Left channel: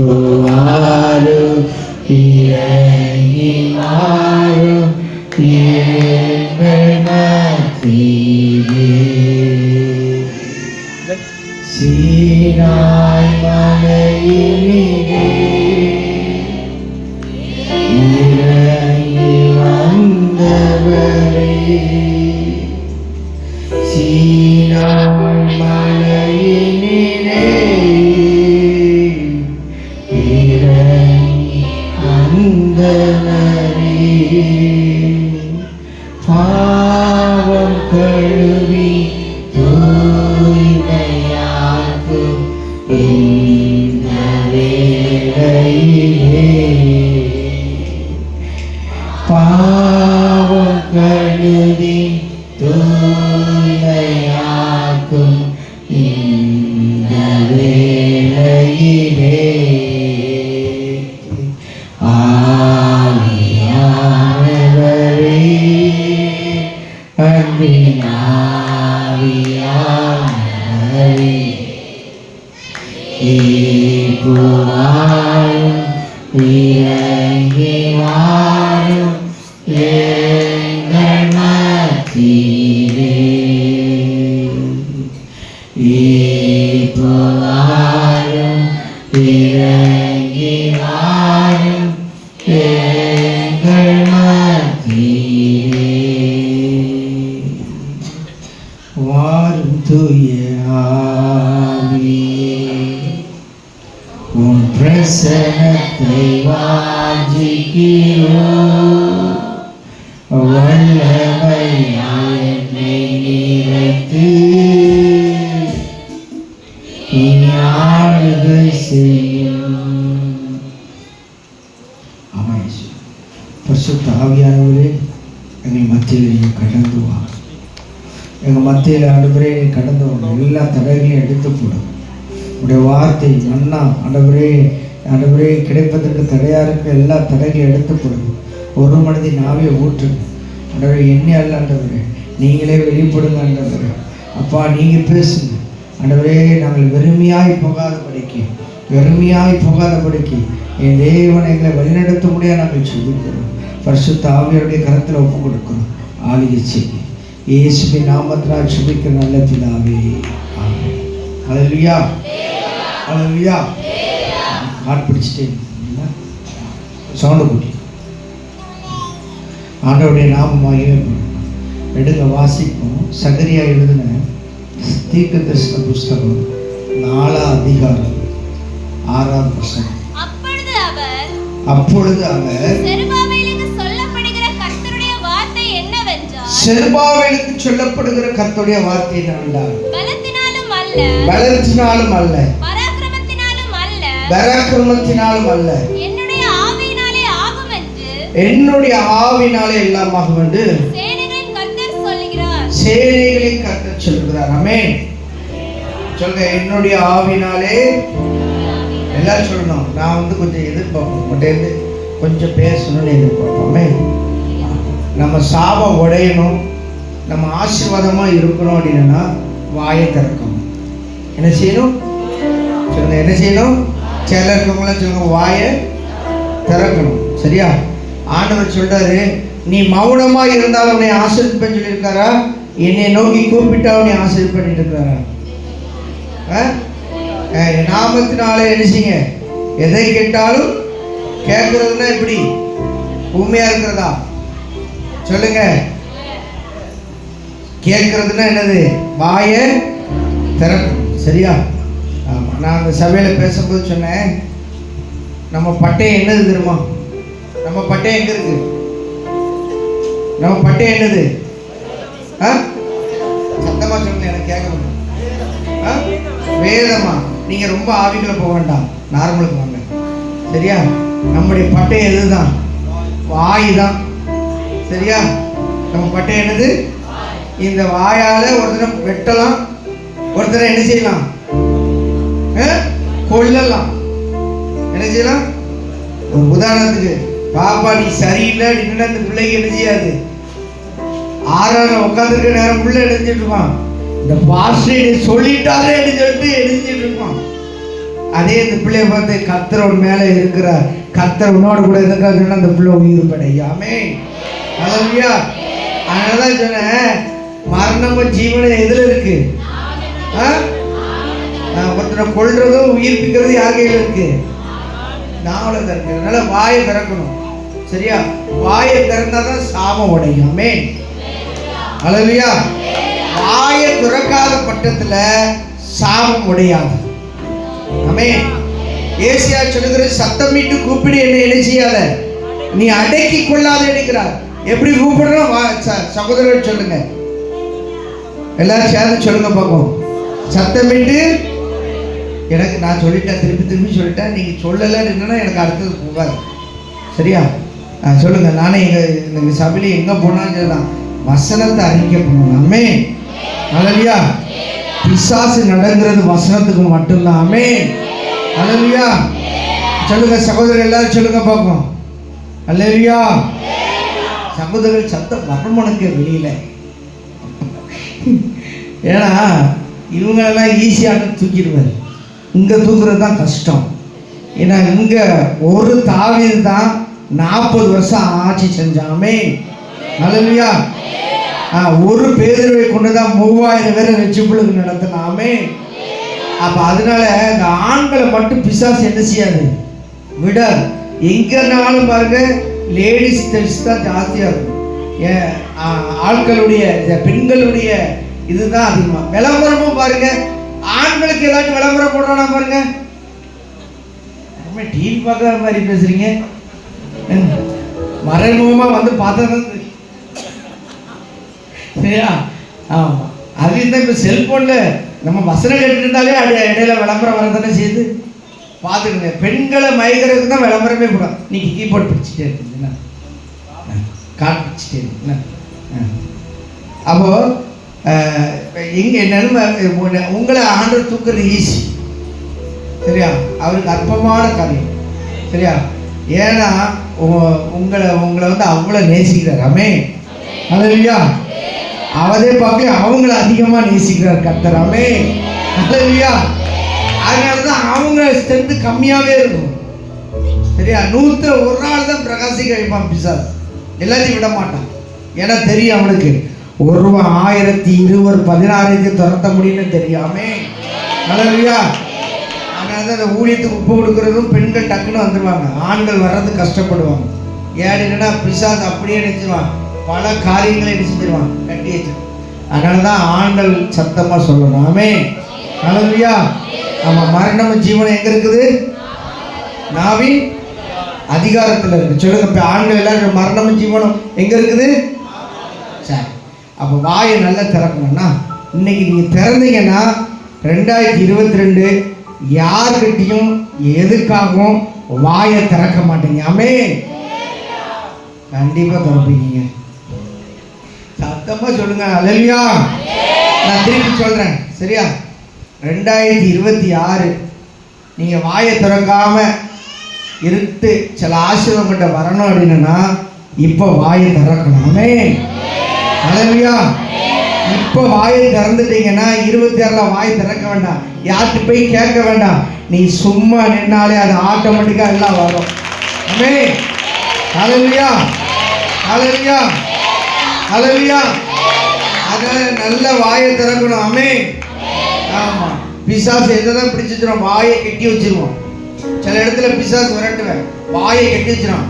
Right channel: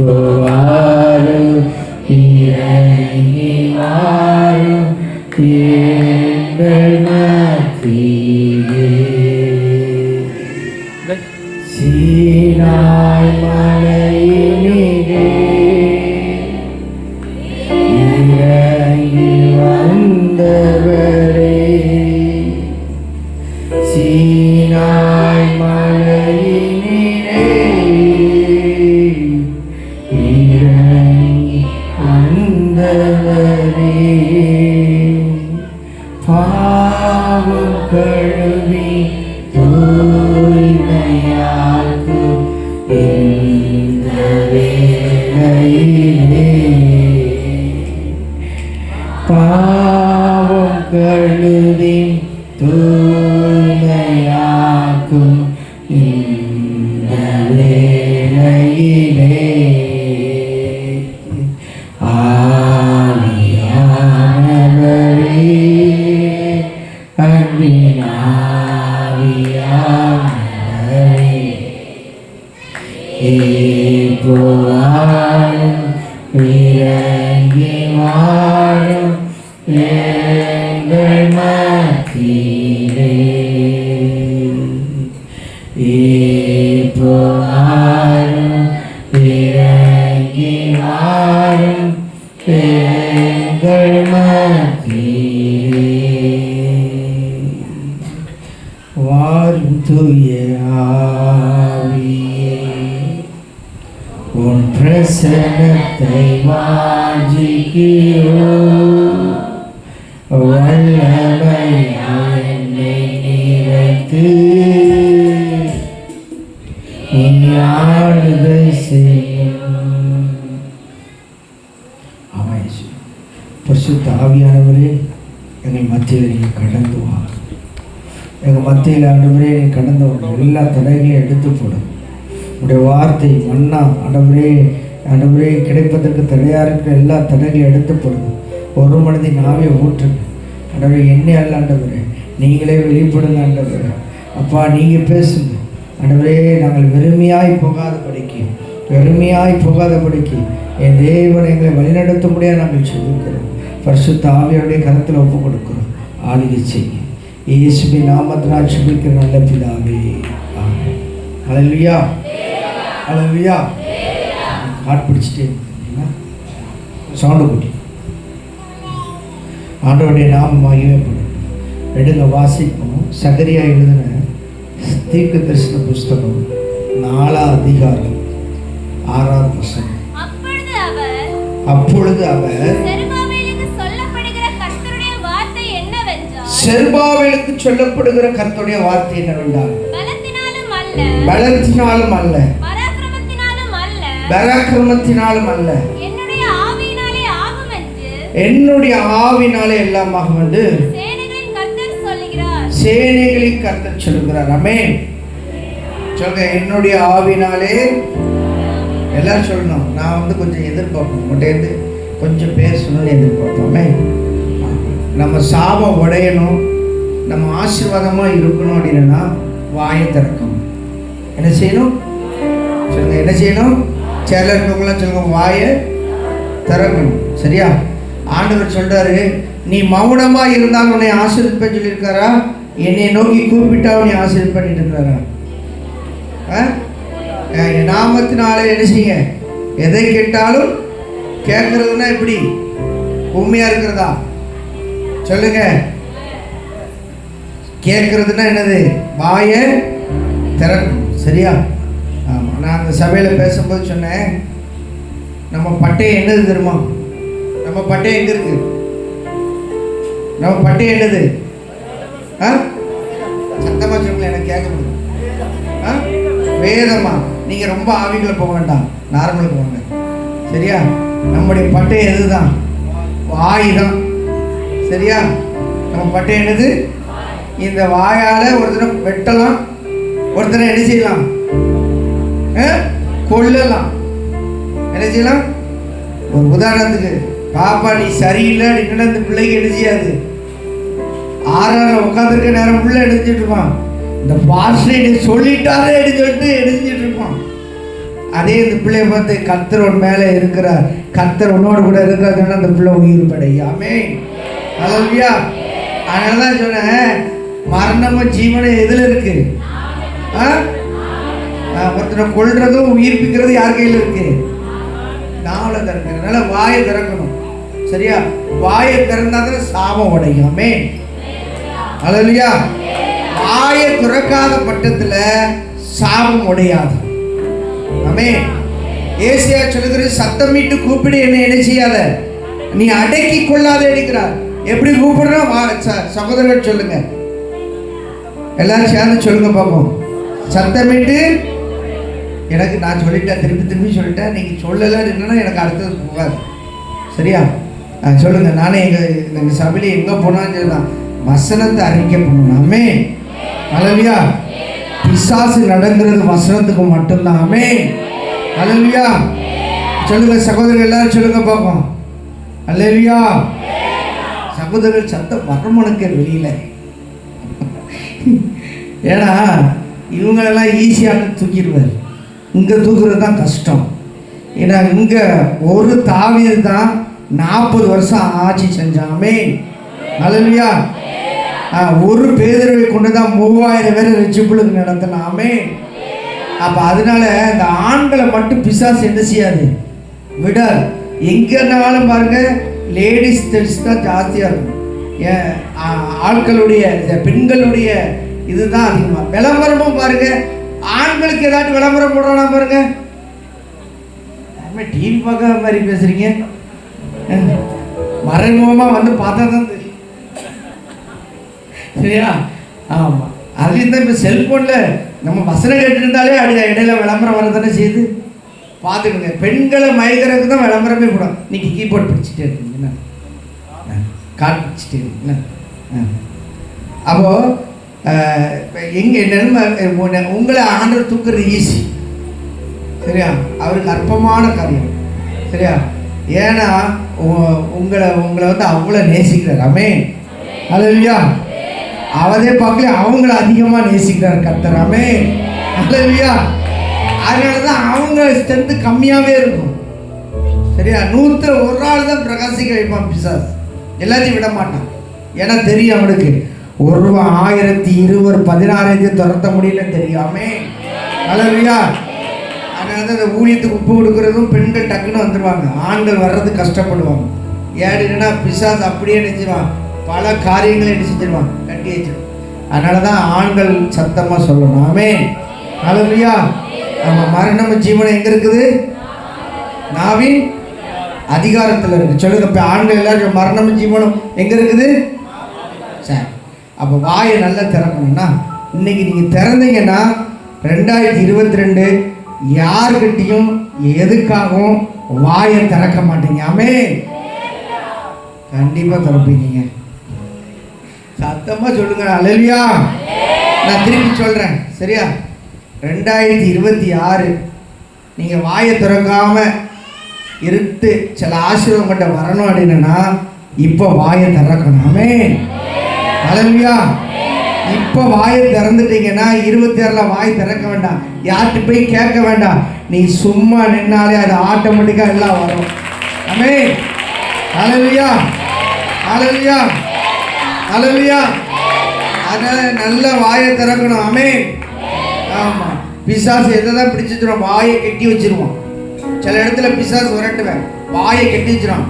வாரும் இறங்கி வாரும் எங்கள் மத்தியிலே. சீனாய் மலையினிலே இறங்கி வந்தவரே, சீனாய் மலையினிலே இறங்கி வந்தவரே, பாவம் கழுவி தூய்மையாக்கும் இந்த வேளையிலே, பாவம் கழுவி தூய்மையாக்கும் இந்த வேளையிலே, ஆவியானவரே, அன்பின் ஆவியானவரே, இப்போ வாரும் இறங்கி வாரும் எங்கள் மத்தியிலே, இப்போ வாரும் இறங்கி வாரும் எங்கள் மத்தியிலே. வாரும் தூய ஆவியே, உன் பிரசன்னத்தை வாஞ்சிக்கிறோம், வல்லமையால் என்னை நிறைத்து இனி ஆளுகை செய்யும். பரிசுத்த ஆவியானவரே, எங்கள் மத்தியில் நீங்கள் கடந்து வாங்க. எங்கள் மத்தியில் ஆண்டவரே நீ கடந்து வாங்க. எல்லா தடைகளையும் எடுத்து போடும். உடைய வார்த்தை மன்னா ஆண்டவரே, ஆண்டவரே கிடைப்பதற்கு தடையாக இருக்க எல்லா தடைகளையும் எடுத்து போடும். ஒரு மனதின் ஆவை ஊற்றுங்க ஆண்டவரே. என்னை அல்ல ஆண்டவரே, நீங்களே வெளிப்படுங்க ஆண்டவரே. அப்பா நீங்கள் பேசுங்க ஆண்டவரே. நாங்கள் வெறுமையாய் போகாதபடிக்கு என் தேவன் எங்களை வழிநடத்த முடியாது நாங்கள் சொல்லிக்கிறோம். பரிசுத்த ஆவியோடைய கரத்தில் ஒப்பு கொடுக்கிறோம். ஆளுகை செய்ய இயேசுவின் நாமத்தினால் சுபிக்கிற நல்ல பிதாவே, ஆமென். ஹல்லேலூயா, ஹல்லேலூயா. நாட் பிடிச்சிட்டேன் சவுண்டு கூட்டி ஆண்டவருடைய நாமமாக எடுங்க வாசிப்போம். சகரியா எழுதின தீர்க்க தரிசன புஸ்தகம் 4ஆம் அதிகாரம் 6ஆம் வசனம். அப்பொழுது அவர் செருபாபேலுக்கு சொல்லப்படுகிற கர்த்தருடைய வார்த்தை என்னவென்றால், பலத்தினாலும் அல்ல, பராக்கிரமத்தினாலும் அல்ல, என்னுடைய ஆவினாலே எல்லாம் ஆகும் என்று சேனைகளின் கர்த்தர் சொல்கிறார். ஆமென். சொல்லுங்க, என்னுடைய ஆவினாலே. எல்லாரும் சொல்லணும். நான் கொஞ்சம் எதிர்பார்ப்போம், உங்கள்கிட்ட கொஞ்சம் பேசணும்னு எதிர்பார்ப்போமே. நம்ம சாபம் உடையணும், நம்ம ஆசீர்வாதமாக இருக்கணும் அப்படின்னா வாயை திறக்கணும். என்ன செய்யணும் சொல்லுங்க, என்ன செய்யணும்? சேல இருக்கவங்களாம் சொல்லுங்க, வாயை திறக்கணும். சரியா? ஆண்டவர் சொல்றாரு, நீ மௌனமா இருந்தாலும் உன்னை ஆசீர்வதிப்பேன்னு சொல்லியிருக்காரா? என்னை நோக்கி கூப்பிட்டா உன்னை ஆசீர்வாதம் பண்ணிட்டு இருக்கிறாரா? நாமத்தினாலே என்ன செய்யுங்க, எதை கேட்டாலும் கேட்கறதுன்னா எப்படி? உண்மையா இருக்கிறதா? சொல்லுங்க. கேட்கறதுன்னா என்னது? வாயை திறக்கணும். சரியா? ஆமாம். நான் அந்த சபையில் பேசும்போது சொன்னேன், நம்ம பட்டயம் என்னது தெரியுமா? நம்ம பட்டயம் எங்க இருக்கு? நம்ம பட்டயம் என்னது? சத்தமா சொல்ல, எனக்கு கேட்கணும். வேதமா. நீங்க ரொம்ப ஆவிகளை போக வேண்டாம், நார்மலுக்கு போங்க. சரியா? நம்முடைய பட்டயம் எதுதான்? வாய் தான். சரியா? நம்ம பட்டயம் என்னது? இந்த வாயால ஒருத்தரை வெட்டலாம், ஒருத்தரை என்ன செய்யலாம்? கொல்லலாம். என்ன செய்யலாம்? ஒரு உதாரணத்துக்கு, பாப்பா நீ சரியில்லை அப்படின்னா அந்த பிள்ளைக்கு என்ன செய்யாது? 6 நேரம் உட்காந்துருக்க நேரம் பிள்ளை எழுதிட்டு இருப்பான். இந்த பாஸ்டர் சொல்லிட்டாலே எழுதி சொல்லிட்டு எழுதிட்டு இருப்பான். அதே இந்த பிள்ளைய பார்த்து கர்த்தர் மேலே இருக்கிற கர்த்தர் உன்னோடு கூட இருக்கிறதுனால அந்த பிள்ளை உயிர் படையும். ஆமென். ஹல்லேலூயா. அதனால தான் சொன்னேன், மரணமும் ஜீவனும் எதில் இருக்கு? ஒருத்தரை கொள்றதும் உயிர்ப்பிக்கிறது யார் கையில் இருக்கு? நாவல திறக்க. அதனால வாயை திறக்கணும். சரியா? வாயை திறந்தாதான் சாபம் உடையும். ஆமென். ஹல்லேலூயா. வாயை திறக்காத பட்டத்துல சாபம் உடையாது. ஆமென். ஏசியா சொல்லுகிறது, சத்தமிட்டு கூப்பிடு, என்ன செய்யாத, நீ அடக்கி கொள்ளாத இருக்கிறார். எப்படி கூப்பிடுறோம்? சகோதரர்கள் சொல்லுங்க, எல்லாரும் சேர்ந்து சொல்லுங்க பார்ப்போம். சத்தமிட்டு, எனக்கு நான் சொல்லிட்டேன், திருப்பி சொல்லிட்டேன், நீங்க சொல்லலைன்னா எனக்கு அடுத்தது போகாது. சரியா? சொல்லுங்க. நானே எங்க சபையில எங்க போனாலும் சொல்லலாம், வசனத்தை அறிக்கை பண்ணணும். ஆமென். ஹல்லேலூயா. பிசாசு நடங்கிறது வசனத்துக்கு மட்டும்தான். ஆமென். ஹல்லேலூயா. சொல்லுங்க சகோதரர்கள், எல்லாரும் சொல்லுங்க பார்ப்போம். ஹல்லேலூயா. சகோதரர்கள் சத்தம் வரமுனுக்கு வெளியில. ஏன்னா இவங்களெல்லாம் ஈஸியாக தூக்கிடுவார், இங்கே தூக்குறது தான் கஷ்டம். ஏன்னா இங்கே ஒரு தாவீது தான் 40 வருஷம் ஆட்சி செஞ்சாமே. ஹல்லேலூயா. ஒரு பேதுருவை கொண்டு தான் 3000 பேரை ரட்சிப்புக்கு நடத்தினாமே. அப்போ அதனால இந்த ஆண்களை மட்டும் பிசாசு என்ன செய்யாது, விட. எங்கேனாலும் பாருங்க, லேடிஸ் டெஸ்ட் தான் ஜாஸ்தியாக இருக்கும். ஆட்களுடைய பெண்களுடைய இதுதான் அதிகமாக. விளம்பரமும் பாருங்க, ஆண்களுக்கு ஏதாச்சும் விளம்பரம் போடுறானா பாருங்க. டிவி பார்க்குற மாதிரி பேசுறீங்க, மறைமுகமாக வந்து பார்த்தா தான் தெரியும். சரியா? ஆமாம். அதுலேயும் தான் இப்போ செல்ஃபோனில் நம்ம வசனம் கேட்டுருந்தாலே இடையில விளம்பரம் வரதானே செய்யுது. பார்த்துக்கோங்க, பெண்களை மயக்கிறதுக்கு தான் விளம்பரமே போடும். நீங்கள் கீபோர்ட் பிடிச்சிட்டே இருக்கீங்களா, கார்டு பிடிச்சிட்டே இருக்கீங்களா? அப்போது எங்கே நன்மை, உங்களை ஆண்டவர் தூக்குறது ஈஸி. சரியா? அவருக்கு அற்பமான காரியம். சரியா? ஏன்னா உங்களை வந்து அவ்வளோ நேசிக்கிறார். ஆமென். ஹல்லேலூயா. அவரே பார்க்கல, அவங்கள அதிகமாக நேசிக்கிறார் கர்த்தர். ஆமென். ஹல்லேலூயா. அதனால தான் அவங்க ஸ்ட்ரென்த்து கம்மியாகவே இருக்கும். சரியா? 101 ஆள் தான் பிரகாசிக்க வைப்பான் பிசாஸ், எல்லாத்தையும் விட மாட்டான். ஏன்னா தெரியும் அவனுக்கு, ஒருவன் 1000 20 16 துரத்த முடியும்னு தெரியாமே. ஹல்லேலூயா. அதனால தான் இந்த ஊழியத்துக்கு உப்பு கொடுக்குறதும் பெண்கள் டக்குன்னு வந்துடுவாங்க, ஆண்கள் வர்றது கஷ்டப்படுவாங்க. ஏன்னா பிசாஸ் அப்படியே நினைச்சிருவான், பல காரியங்களை என்ன செஞ்சிருவான், கட்டி வச்சிருவான். அதனால தான் ஆண்கள் சத்தமாக சொல்லணும். ஆமென். ஹல்லேலூயா. நம்ம மரணம் ஜீவனம் எங்கே இருக்குது? நாவின் அதிகாரத்தில் இருக்குது. சொல்லுங்க, இப்போ ஆண்கள் எல்லாரும் மரணம் ஜீவனம் எங்கே இருக்குது? சரி. அப்போ வாயை நல்லா திறக்கணும்னா, இன்னைக்கு நீங்கள் திறந்தீங்கன்னா 2022 யாருக்கிட்டையும் எதுக்காகவும் வாயை திறக்க மாட்டீங்க. ஆமென். கண்டிப்பாக திறப்பீங்க. சத்தமாக சொல்லுங்க. ஹல்லேலூயா. நான் திருப்பி சொல்கிறேன். சரியா? 2026 நீங்கள் வாயை திறக்காம இருட்டு சில ஆசீர்வாதம் மட்டும் வரணும் அப்படின்னா இப்போ வாயை திறக்கணும். ஆமென். ஹல்லேலூயா. இப்போ வாயை திறந்துட்டீங்கன்னா 26ல் வாயை திறக்க வேண்டாம், யார்கிட்ட போய் கேட்க வேண்டாம். நீ சும்மா நின்னாலே அது ஆட்டோமேட்டிக்காக எல்லாம் வரும். ஆமென். ஹல்லேலூயா. ஹல்லேலூயா. ஹல்லேலூயா. அதனால நல்ல வாயை திறக்கணும். ஆமென். ஆமாம். பிசாசு எதான் பிடிச்சிச்சிடும், வாயை கட்டி வச்சிருவோம். சில இடத்துல பிசாசு விரட்டுவேன், வாயை கட்டி வச்சிடும்,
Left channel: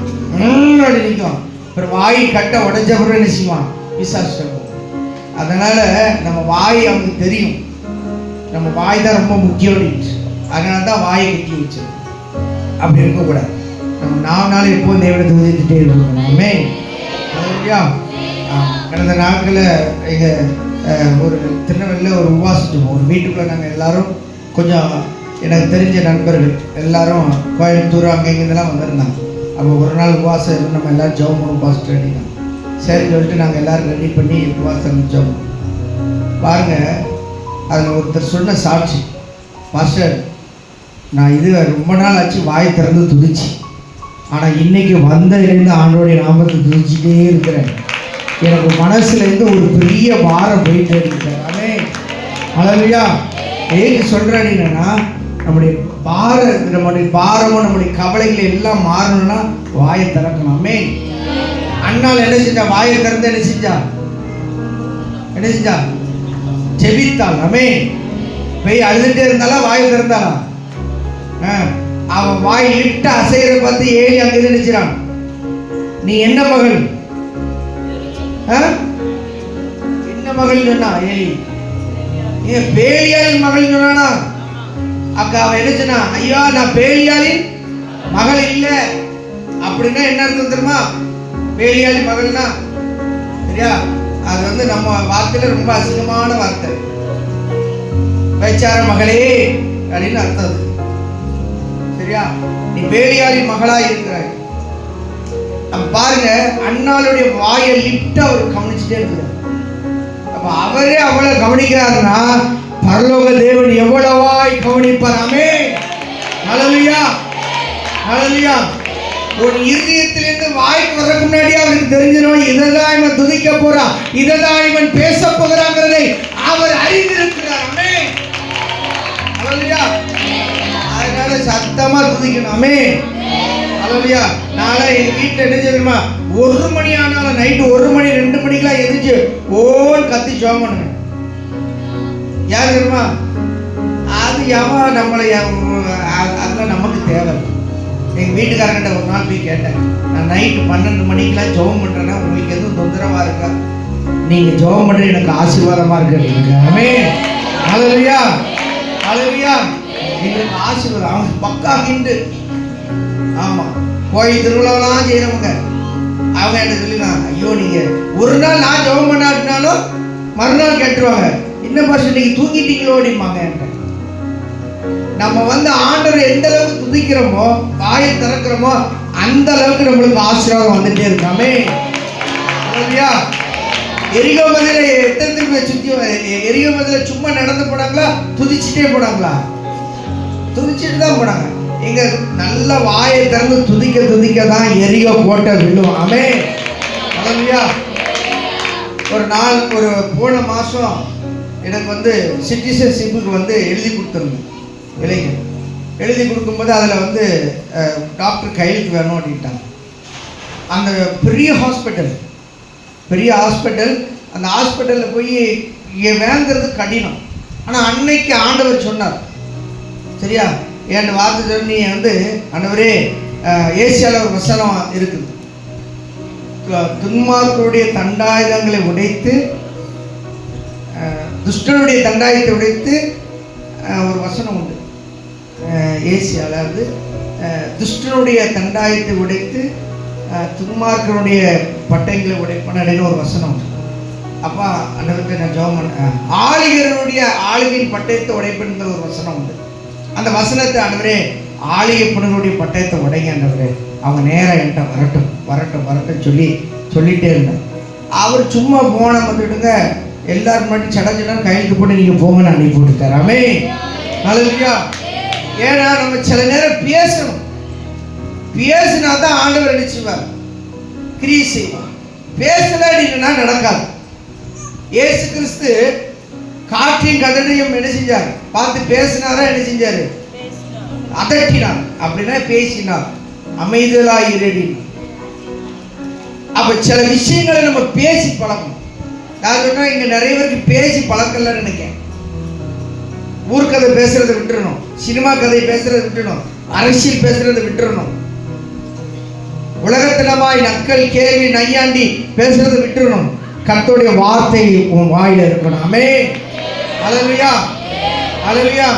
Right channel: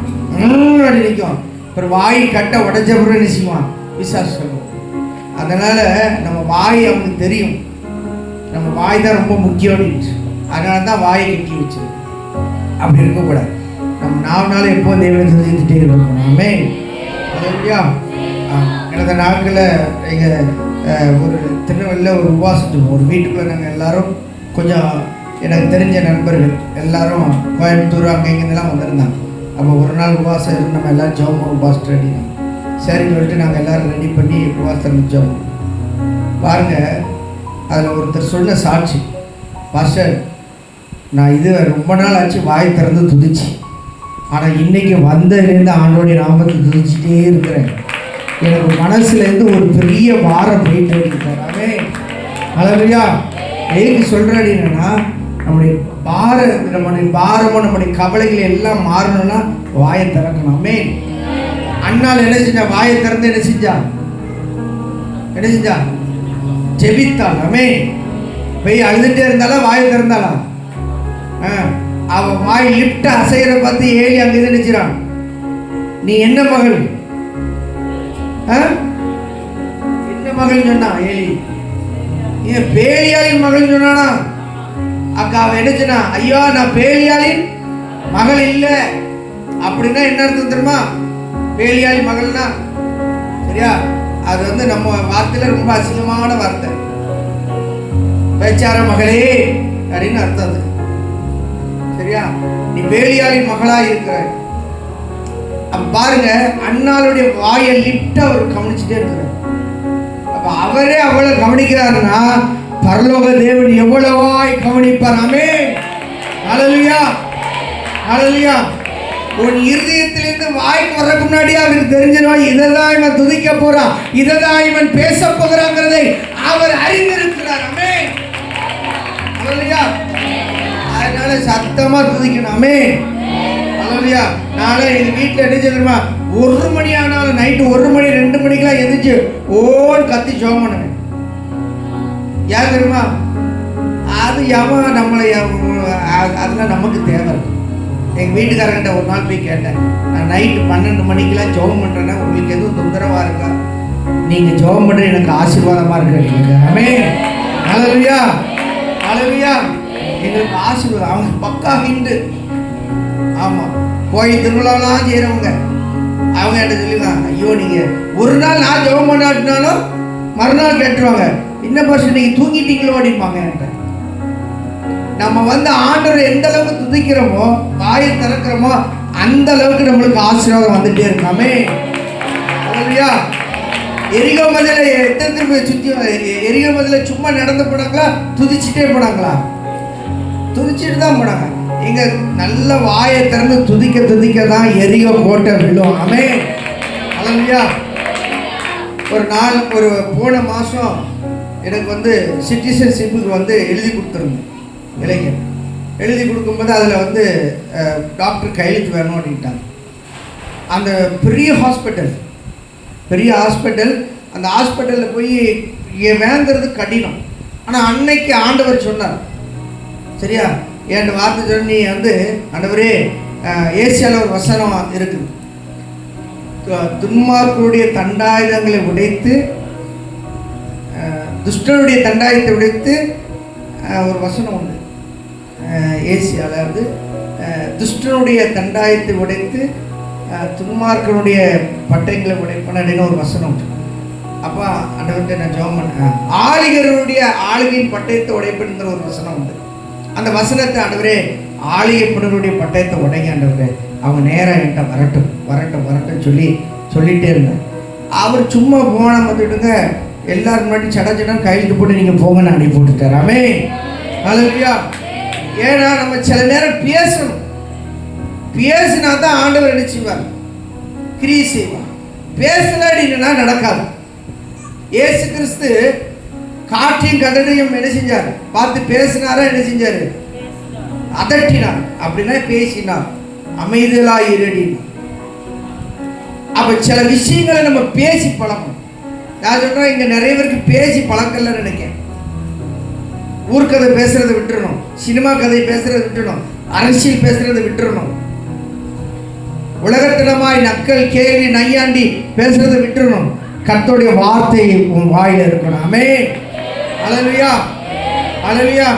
அப்படி நிற்கும். அப்புறம் வாயை கட்ட உடஞ்ச அப்புறம் என்ன செய்வான், பிசாசு சொல்லுவோம். அதனால நம்ம வாய் அவனுக்கு தெரியும், நம்ம வாய் தான் ரொம்ப முக்கியம். அதனால தான் வாயை கட்டி வச்சு அப்படி இருக்கக்கூடாது. நம்ம 4 நாள் எப்போது தேவனை துதிச்சுட்டே இருக்கணும். ஆமென். ஹல்லேலூயா. கடந்த நாட்களில் எங்கள் ஒரு திருநெல்வேலியில் ஒரு உபவாசம், ஒரு வீட்டுக்குள்ளே நாங்கள் எல்லாரும் கொஞ்சம் எனக்கு தெரிஞ்ச நண்பர்கள் எல்லாரும் கோயம்புத்தூர் அங்கே இங்கேருந்துலாம் வந்திருந்தாங்க. அப்போ ஒரு நாள் உபவாசம் இருந்து நம்ம எல்லோரும் ஜெபம் உபவாசம் ரெடி தான். சரின்னு சொல்லிட்டு நாங்கள் எல்லோரும் ரெடி பண்ணி உபவாசம் ஜெபம் பாருங்க. அதில் ஒருத்தர் சொன்ன சாட்சி, பாஸ்டர் நான் இது ரொம்ப நாள் ஆச்சு வாய் திறந்து துதிச்சு, ஆனால் இன்னைக்கு வந்ததுலேருந்து ஆண்டோடைய நாமத்தை துதிச்சுட்டே இருக்கிறேன். எனக்கு மனசுலேருந்து ஒரு பெரிய வாரம் போயிட்டு இருக்கிறாமே. ஹல்லேலூயா. ஏன்னு சொல்கிறேன் அப்படின்னா, நம்முடைய பாரமும் நம்முடைய கவலைகள் எல்லாம் மாறணும்னா வாயை திறக்கணும். ஆமென். அண்ணாள் என்ன செஞ்சா? வாயை திறந்து என்ன செஞ்சா? ஜெபித்தாள். ஆமென். போய் அழுதுட்டே இருந்தாலும் வாயை திறந்தாளா? அவ வாய் லிப்ட் அசைகிற பார்த்து ஏலி அங்க நினைச்சான், நீ என்ன மகள்? என்ன மகள் சொன்னா ஏலி? பேலியாளின் மகள் சொன்னா. அக்கா அவ என்ன சொன்னா? ஐயோ நான் பேலியாளின் மகள் இல்ல. அப்படின்னா என்ன அர்த்தம் தெரியுமா? பேலியாளின் மகள்னா சரியா, அது வந்து நம்ம வார்த்தையில ரொம்ப அசிங்கமான வார்த்தை. பேச்சார மகளே அப்படின்னு அர்த்தம். சரியா, நீ பேலியாளின் மகளா இருக்கிற. அப்ப பாருங்க, அண்ணாளுடைய வாயை லிப்ட் அவர் கவனிச்சுட்டே இருக்கிறார். அப்ப அவரே அவளை கவனிக்கிறாருன்னா பரலோக தேவன் எவ்வளவாய் கவனிப்பார். ஆமென். ஹல்லேலூயா, ஹல்லேலூயா. ஒரு இருதயத்திலிருந்து வாய்க்கு வர்றதுக்கு முன்னாடி அவருக்கு தெரிஞ்சிடும், இதெல்லாம் இவன் துதிக்க போறான், இதெல்லாம் இவன் பேச போகிறாங்கிறதை அவர் அறிந்திருக்கிறார். ஆமென். ஹல்லேலூயா. அதனால சத்தமா துதிக்கணும். ஆமென். ஹல்லேலூயா. நாளை எங்க வீட்டுல என்ன தெரியுமா, 1 மணி ஆனாலும் நைட்டு 1 மணி 2 மணிக்கெல்லாம் எதிர்த்து ஓன் கத்தி ஜெபம் பண்ணுவேன். யார் தெரியுமா? அது எவ நம்மளை அதெல்லாம் நமக்கு தேவை. எங்கள் வீட்டுக்காரர்கிட்ட ஒரு நாள் போய் கேட்டேன், நான் நைட்டு 12 மணிக்கெல்லாம் ஜெபம் பண்ணுறேன்னா உங்களுக்கு எதுவும் தொந்தரவாக இருக்கா? நீங்கள் ஜெபம் பண்ணுற எனக்கு ஆசீர்வாதமாக இருக்கு. ஆமென். ஹல்லேலூயா, ஹல்லேலூயா. எங்களுக்கு ஆசீர்வாதம். அவங்க பக்கா ஹிந்து. ஆமாம், கோயில் திருவிழாவெல்லாம் செய்கிறவங்க அவங்க என்ன சொல்லிடலாம், ஐயோ நீங்கள் ஒரு நாள் நான் ஜெபம் பண்ணாட்டினாலும் மறுநாள் கேட்டுருவாங்க, என்ன பர்சன் நீங்கள் தூங்கிட்டீங்களோ அப்படிம்பாங்க. நம்ம வந்து ஆண்டவரை எந்த அளவுக்கு துதிக்கிறோமோ, வாயை திறக்கிறோமோ, அந்த அளவுக்கு நம்மளுக்கு ஆசீர்வாதம் வந்துட்டே இருக்காமே. எரிகோ மதில எத்தனை திரும்ப சுற்றி, எரிகோ மதில சும்மா நடந்து போனாங்களா, துதிச்சுட்டே போனாங்களா? துதிச்சுட்டு தான் போனாங்க. எங்க நல்ல வாயை திறந்து துதிக்க தான் எரிகோ கோட்டை விழும். ஆமென். ஹல்லேலூயா. ஒரு நாள், ஒரு போன மாதம் எனக்கு வந்து சிட்டிசன்ஷிப்புக்கு வந்து எழுதி கொடுத்துருந்தேன். இளைஞர் எழுதி கொடுக்கும்போது அதில் வந்து டாக்டர் கையெழுத்து வேணும் அப்படின்ட்டாங்க. அந்த பெரிய ஹாஸ்பிட்டல், அந்த ஹாஸ்பிட்டலில் போய் வாங்கிறது கடினம். ஆனால் அன்னைக்கு ஆண்டவர் சொன்னார், சரியா, என் வார்த்தை சொல்லி வந்து, ஆண்டவரே ஏசியாவில் ஒரு வசனம் இருக்குது, துன்மார்க்கருடைய தண்டாயுதங்களை உடைத்து, துஷ்டனுடைய தண்டாயுதத்தை உடைத்து, ஒரு வசனம் உண்டு ஏசியாவில் வந்து, துஷ்டனுடைய தண்டாயத்தை உடைத்து துன்மார்க்கனுடைய பட்டைகளை உடைப்பன ஒரு வசனம். அப்பா அண்ணவர்கிட்ட நான் ஜெபம் பண்ணேன், ஆளிகருடைய ஆளுகையின் பட்டயத்தை உடைப்புங்கிற ஒரு வசனம் உண்டு. அந்த வசனத்தை, ஆண்டவரே ஆளிகப்பனுடைய பட்டயத்தை உடைங்க ஆண்டவரே, அவங்க நேராக என்கிட்ட வரட்டும் சொல்லிட்டே இருந்தேன். அவர் சும்மா போன வந்துட்டுங்க, எல்லாரும் முன்னாடி சடை கையெழுத்து போட்டு நீங்கள் போங்கன்னு அனுப்பி விட்டுட்டார். ஆமென். ஹல்லேலூயா. ஏன்னா நம்ம சில நேரம் பேசினா தான் ஆண்டவர் நினைச்சுவார், கிரியை செய்வார். பேசலாடினா நடக்காது. இயேசு கிறிஸ்து காற்றையும் கதடையும் என்ன செஞ்சார் பார்த்து பேசினாரா? என்ன செஞ்சாரு? அதட்டினார். அப்படின்னா பேசினார். அமைதலாய் இருடினார். அப்ப சில விஷயங்களை நம்ம பேசி பழக்கணும். நான் சொல்றேன், இங்க நிறைய பேருக்கு பேசி பழக்கம் இல்லைன்னு நினைக்கிறேன். ஊர்க்கதை பேசுறதை விட்டுறணும், சினிமா கதை பேசுறதை விட்டுறணும், அரசியல் பேசுறதை விட்டுறணும், உலகத்திலமாய் நக்கல் கேள்வி நையாண்டி பேசுறதை விட்டுறணும். கர்த்தருடைய வார்த்தை உன் வாயில இருக்கணும். ஆமென். ஹல்லேலூயா, ஹல்லேலூயா.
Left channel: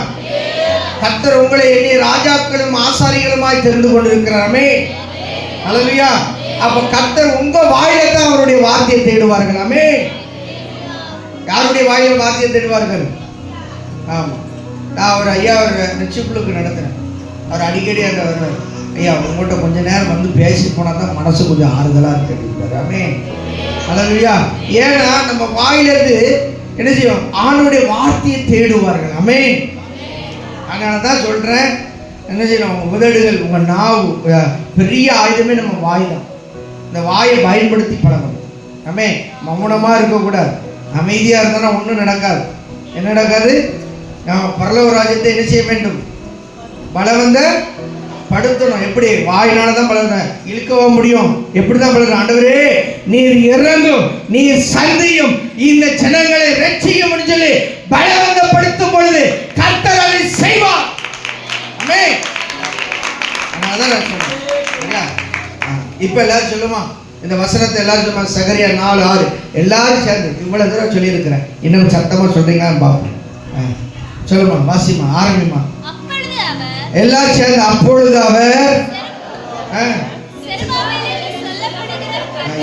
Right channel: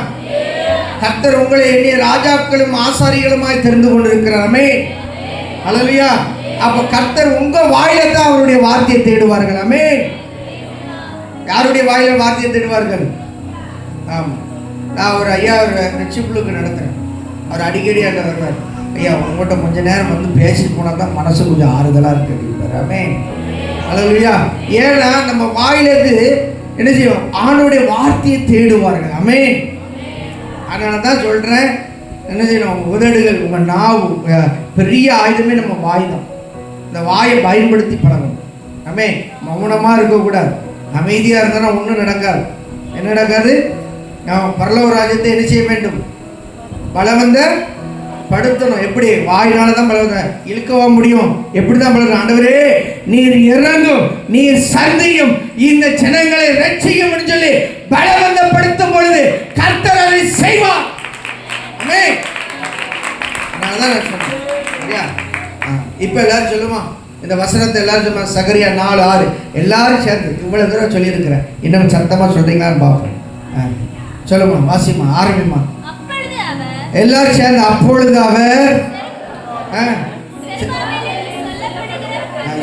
கர்த்தர் உங்களை எளிய ராஜாக்களும் ஆசாரிகளுமாய் தெரிந்து கொண்டிருக்கிறார். ஆமென். ஹல்லேலூயா. அப்ப கர்த்தர் உங்க வாயில தான் அவருடைய வார்த்தையை தேடுவார்கள். ஆமென். யாருடைய வாயில வார்த்தையை தேடுவார்கள்? ஆமா, நான் ஒரு ஐயா ஒரு நெச்சிப்புளுக்கு நடந்தேன். அவர் அடிக்கடி அங்கே வருவார். ஐயா உங்கள்கிட்ட கொஞ்சம் நேரம் வந்து பேசி போனால் தான் மனசு கொஞ்சம் ஆறுதலாக இருக்கிறார். ஆமென். ஹல்லேலூயா. ஏன்னா நம்ம வாயிலிருந்து என்ன செய்வோம்? ஆண்டவருடைய வார்த்தையை தேடுவார்கள். ஆமென். அதனால தான் சொல்கிறேன், என்ன செய்யணும்? உதடுகள், உங்கள் நாவு, பெரிய ஆயுதமே நம்ம வாய் தான். இந்த வாயை பயன்படுத்தி பழகணும். ஆமென். மௌனமாக இருக்கக்கூடாது. அமைதியாக இருந்தால் ஒன்றும் நடக்காது. என்ன நடக்காது? நாம் பரலோக ராஜ்யத்தை என்ன செய்ய வேண்டும்? பலவந்த படுத்தணும். எப்படி? வாயினால தான் பலவந்த இழுக்கவா முடியும்? எப்படிதான் பலவந்த? ஆண்டவரே நீர் இறங்கும், நீர் சந்தையும் இந்த ஜனங்களை ரட்சியும் சொல்லி பலவந்தப்படுத்தும் பொழுது கர்த்தர் அதை செய்வார். ஆமென். அதனாலதான் நான் சொன்னேன். இப்ப எல்லாரும் சொல்லுமா இந்த வசனத்தை? எல்லாரும் சொல்லுமா? சகரியா 4:6 எல்லாரும் சேர்ந்து இவ்வளவு தூரம் சொல்லி இருக்கிறேன். இன்னும் சத்தமா சொல்றீங்கன்னு பாப்போம். சொல்லுமா, வாசிமா, ஆரம்பிமா. எல்லாரும் சேர்ந்து அப்பொழுது அவர்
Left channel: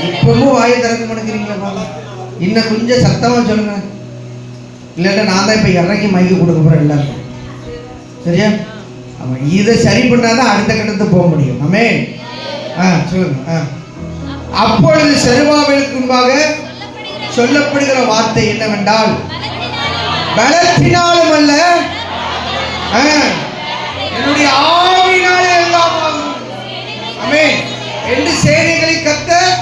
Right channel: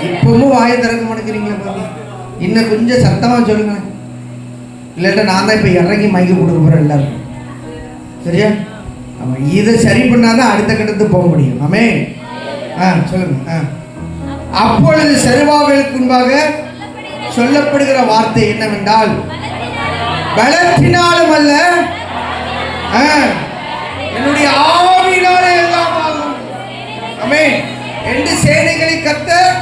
இப்பவும் வாயை திறக்க மாட்டேங்கிறீங்களா பாபா? இன்னும் கொஞ்சம் சத்தமா சொல்லுங்க. இல்ல நான் தான் இப்ப இறங்கி மைக்க கொடுக்க போறேன் எல்லாரும். சரியா? ஆமா, இதை சரி பண்ணாதான் அடுத்த கட்டத்துக்கு போக முடியும். ஆமென். சொல்லுங்க. அப்பொழுது செருபாபேலுக்கு முன்பாக சொல்லப்படுகிற வார்த்தை என்னவென்றால், பலத்தினாலும் அல்ல என்னுடைய ஆவியினாலே எல்லாம் ஆகும். ஆமென் என்று சேனைகளை கர்த்தர்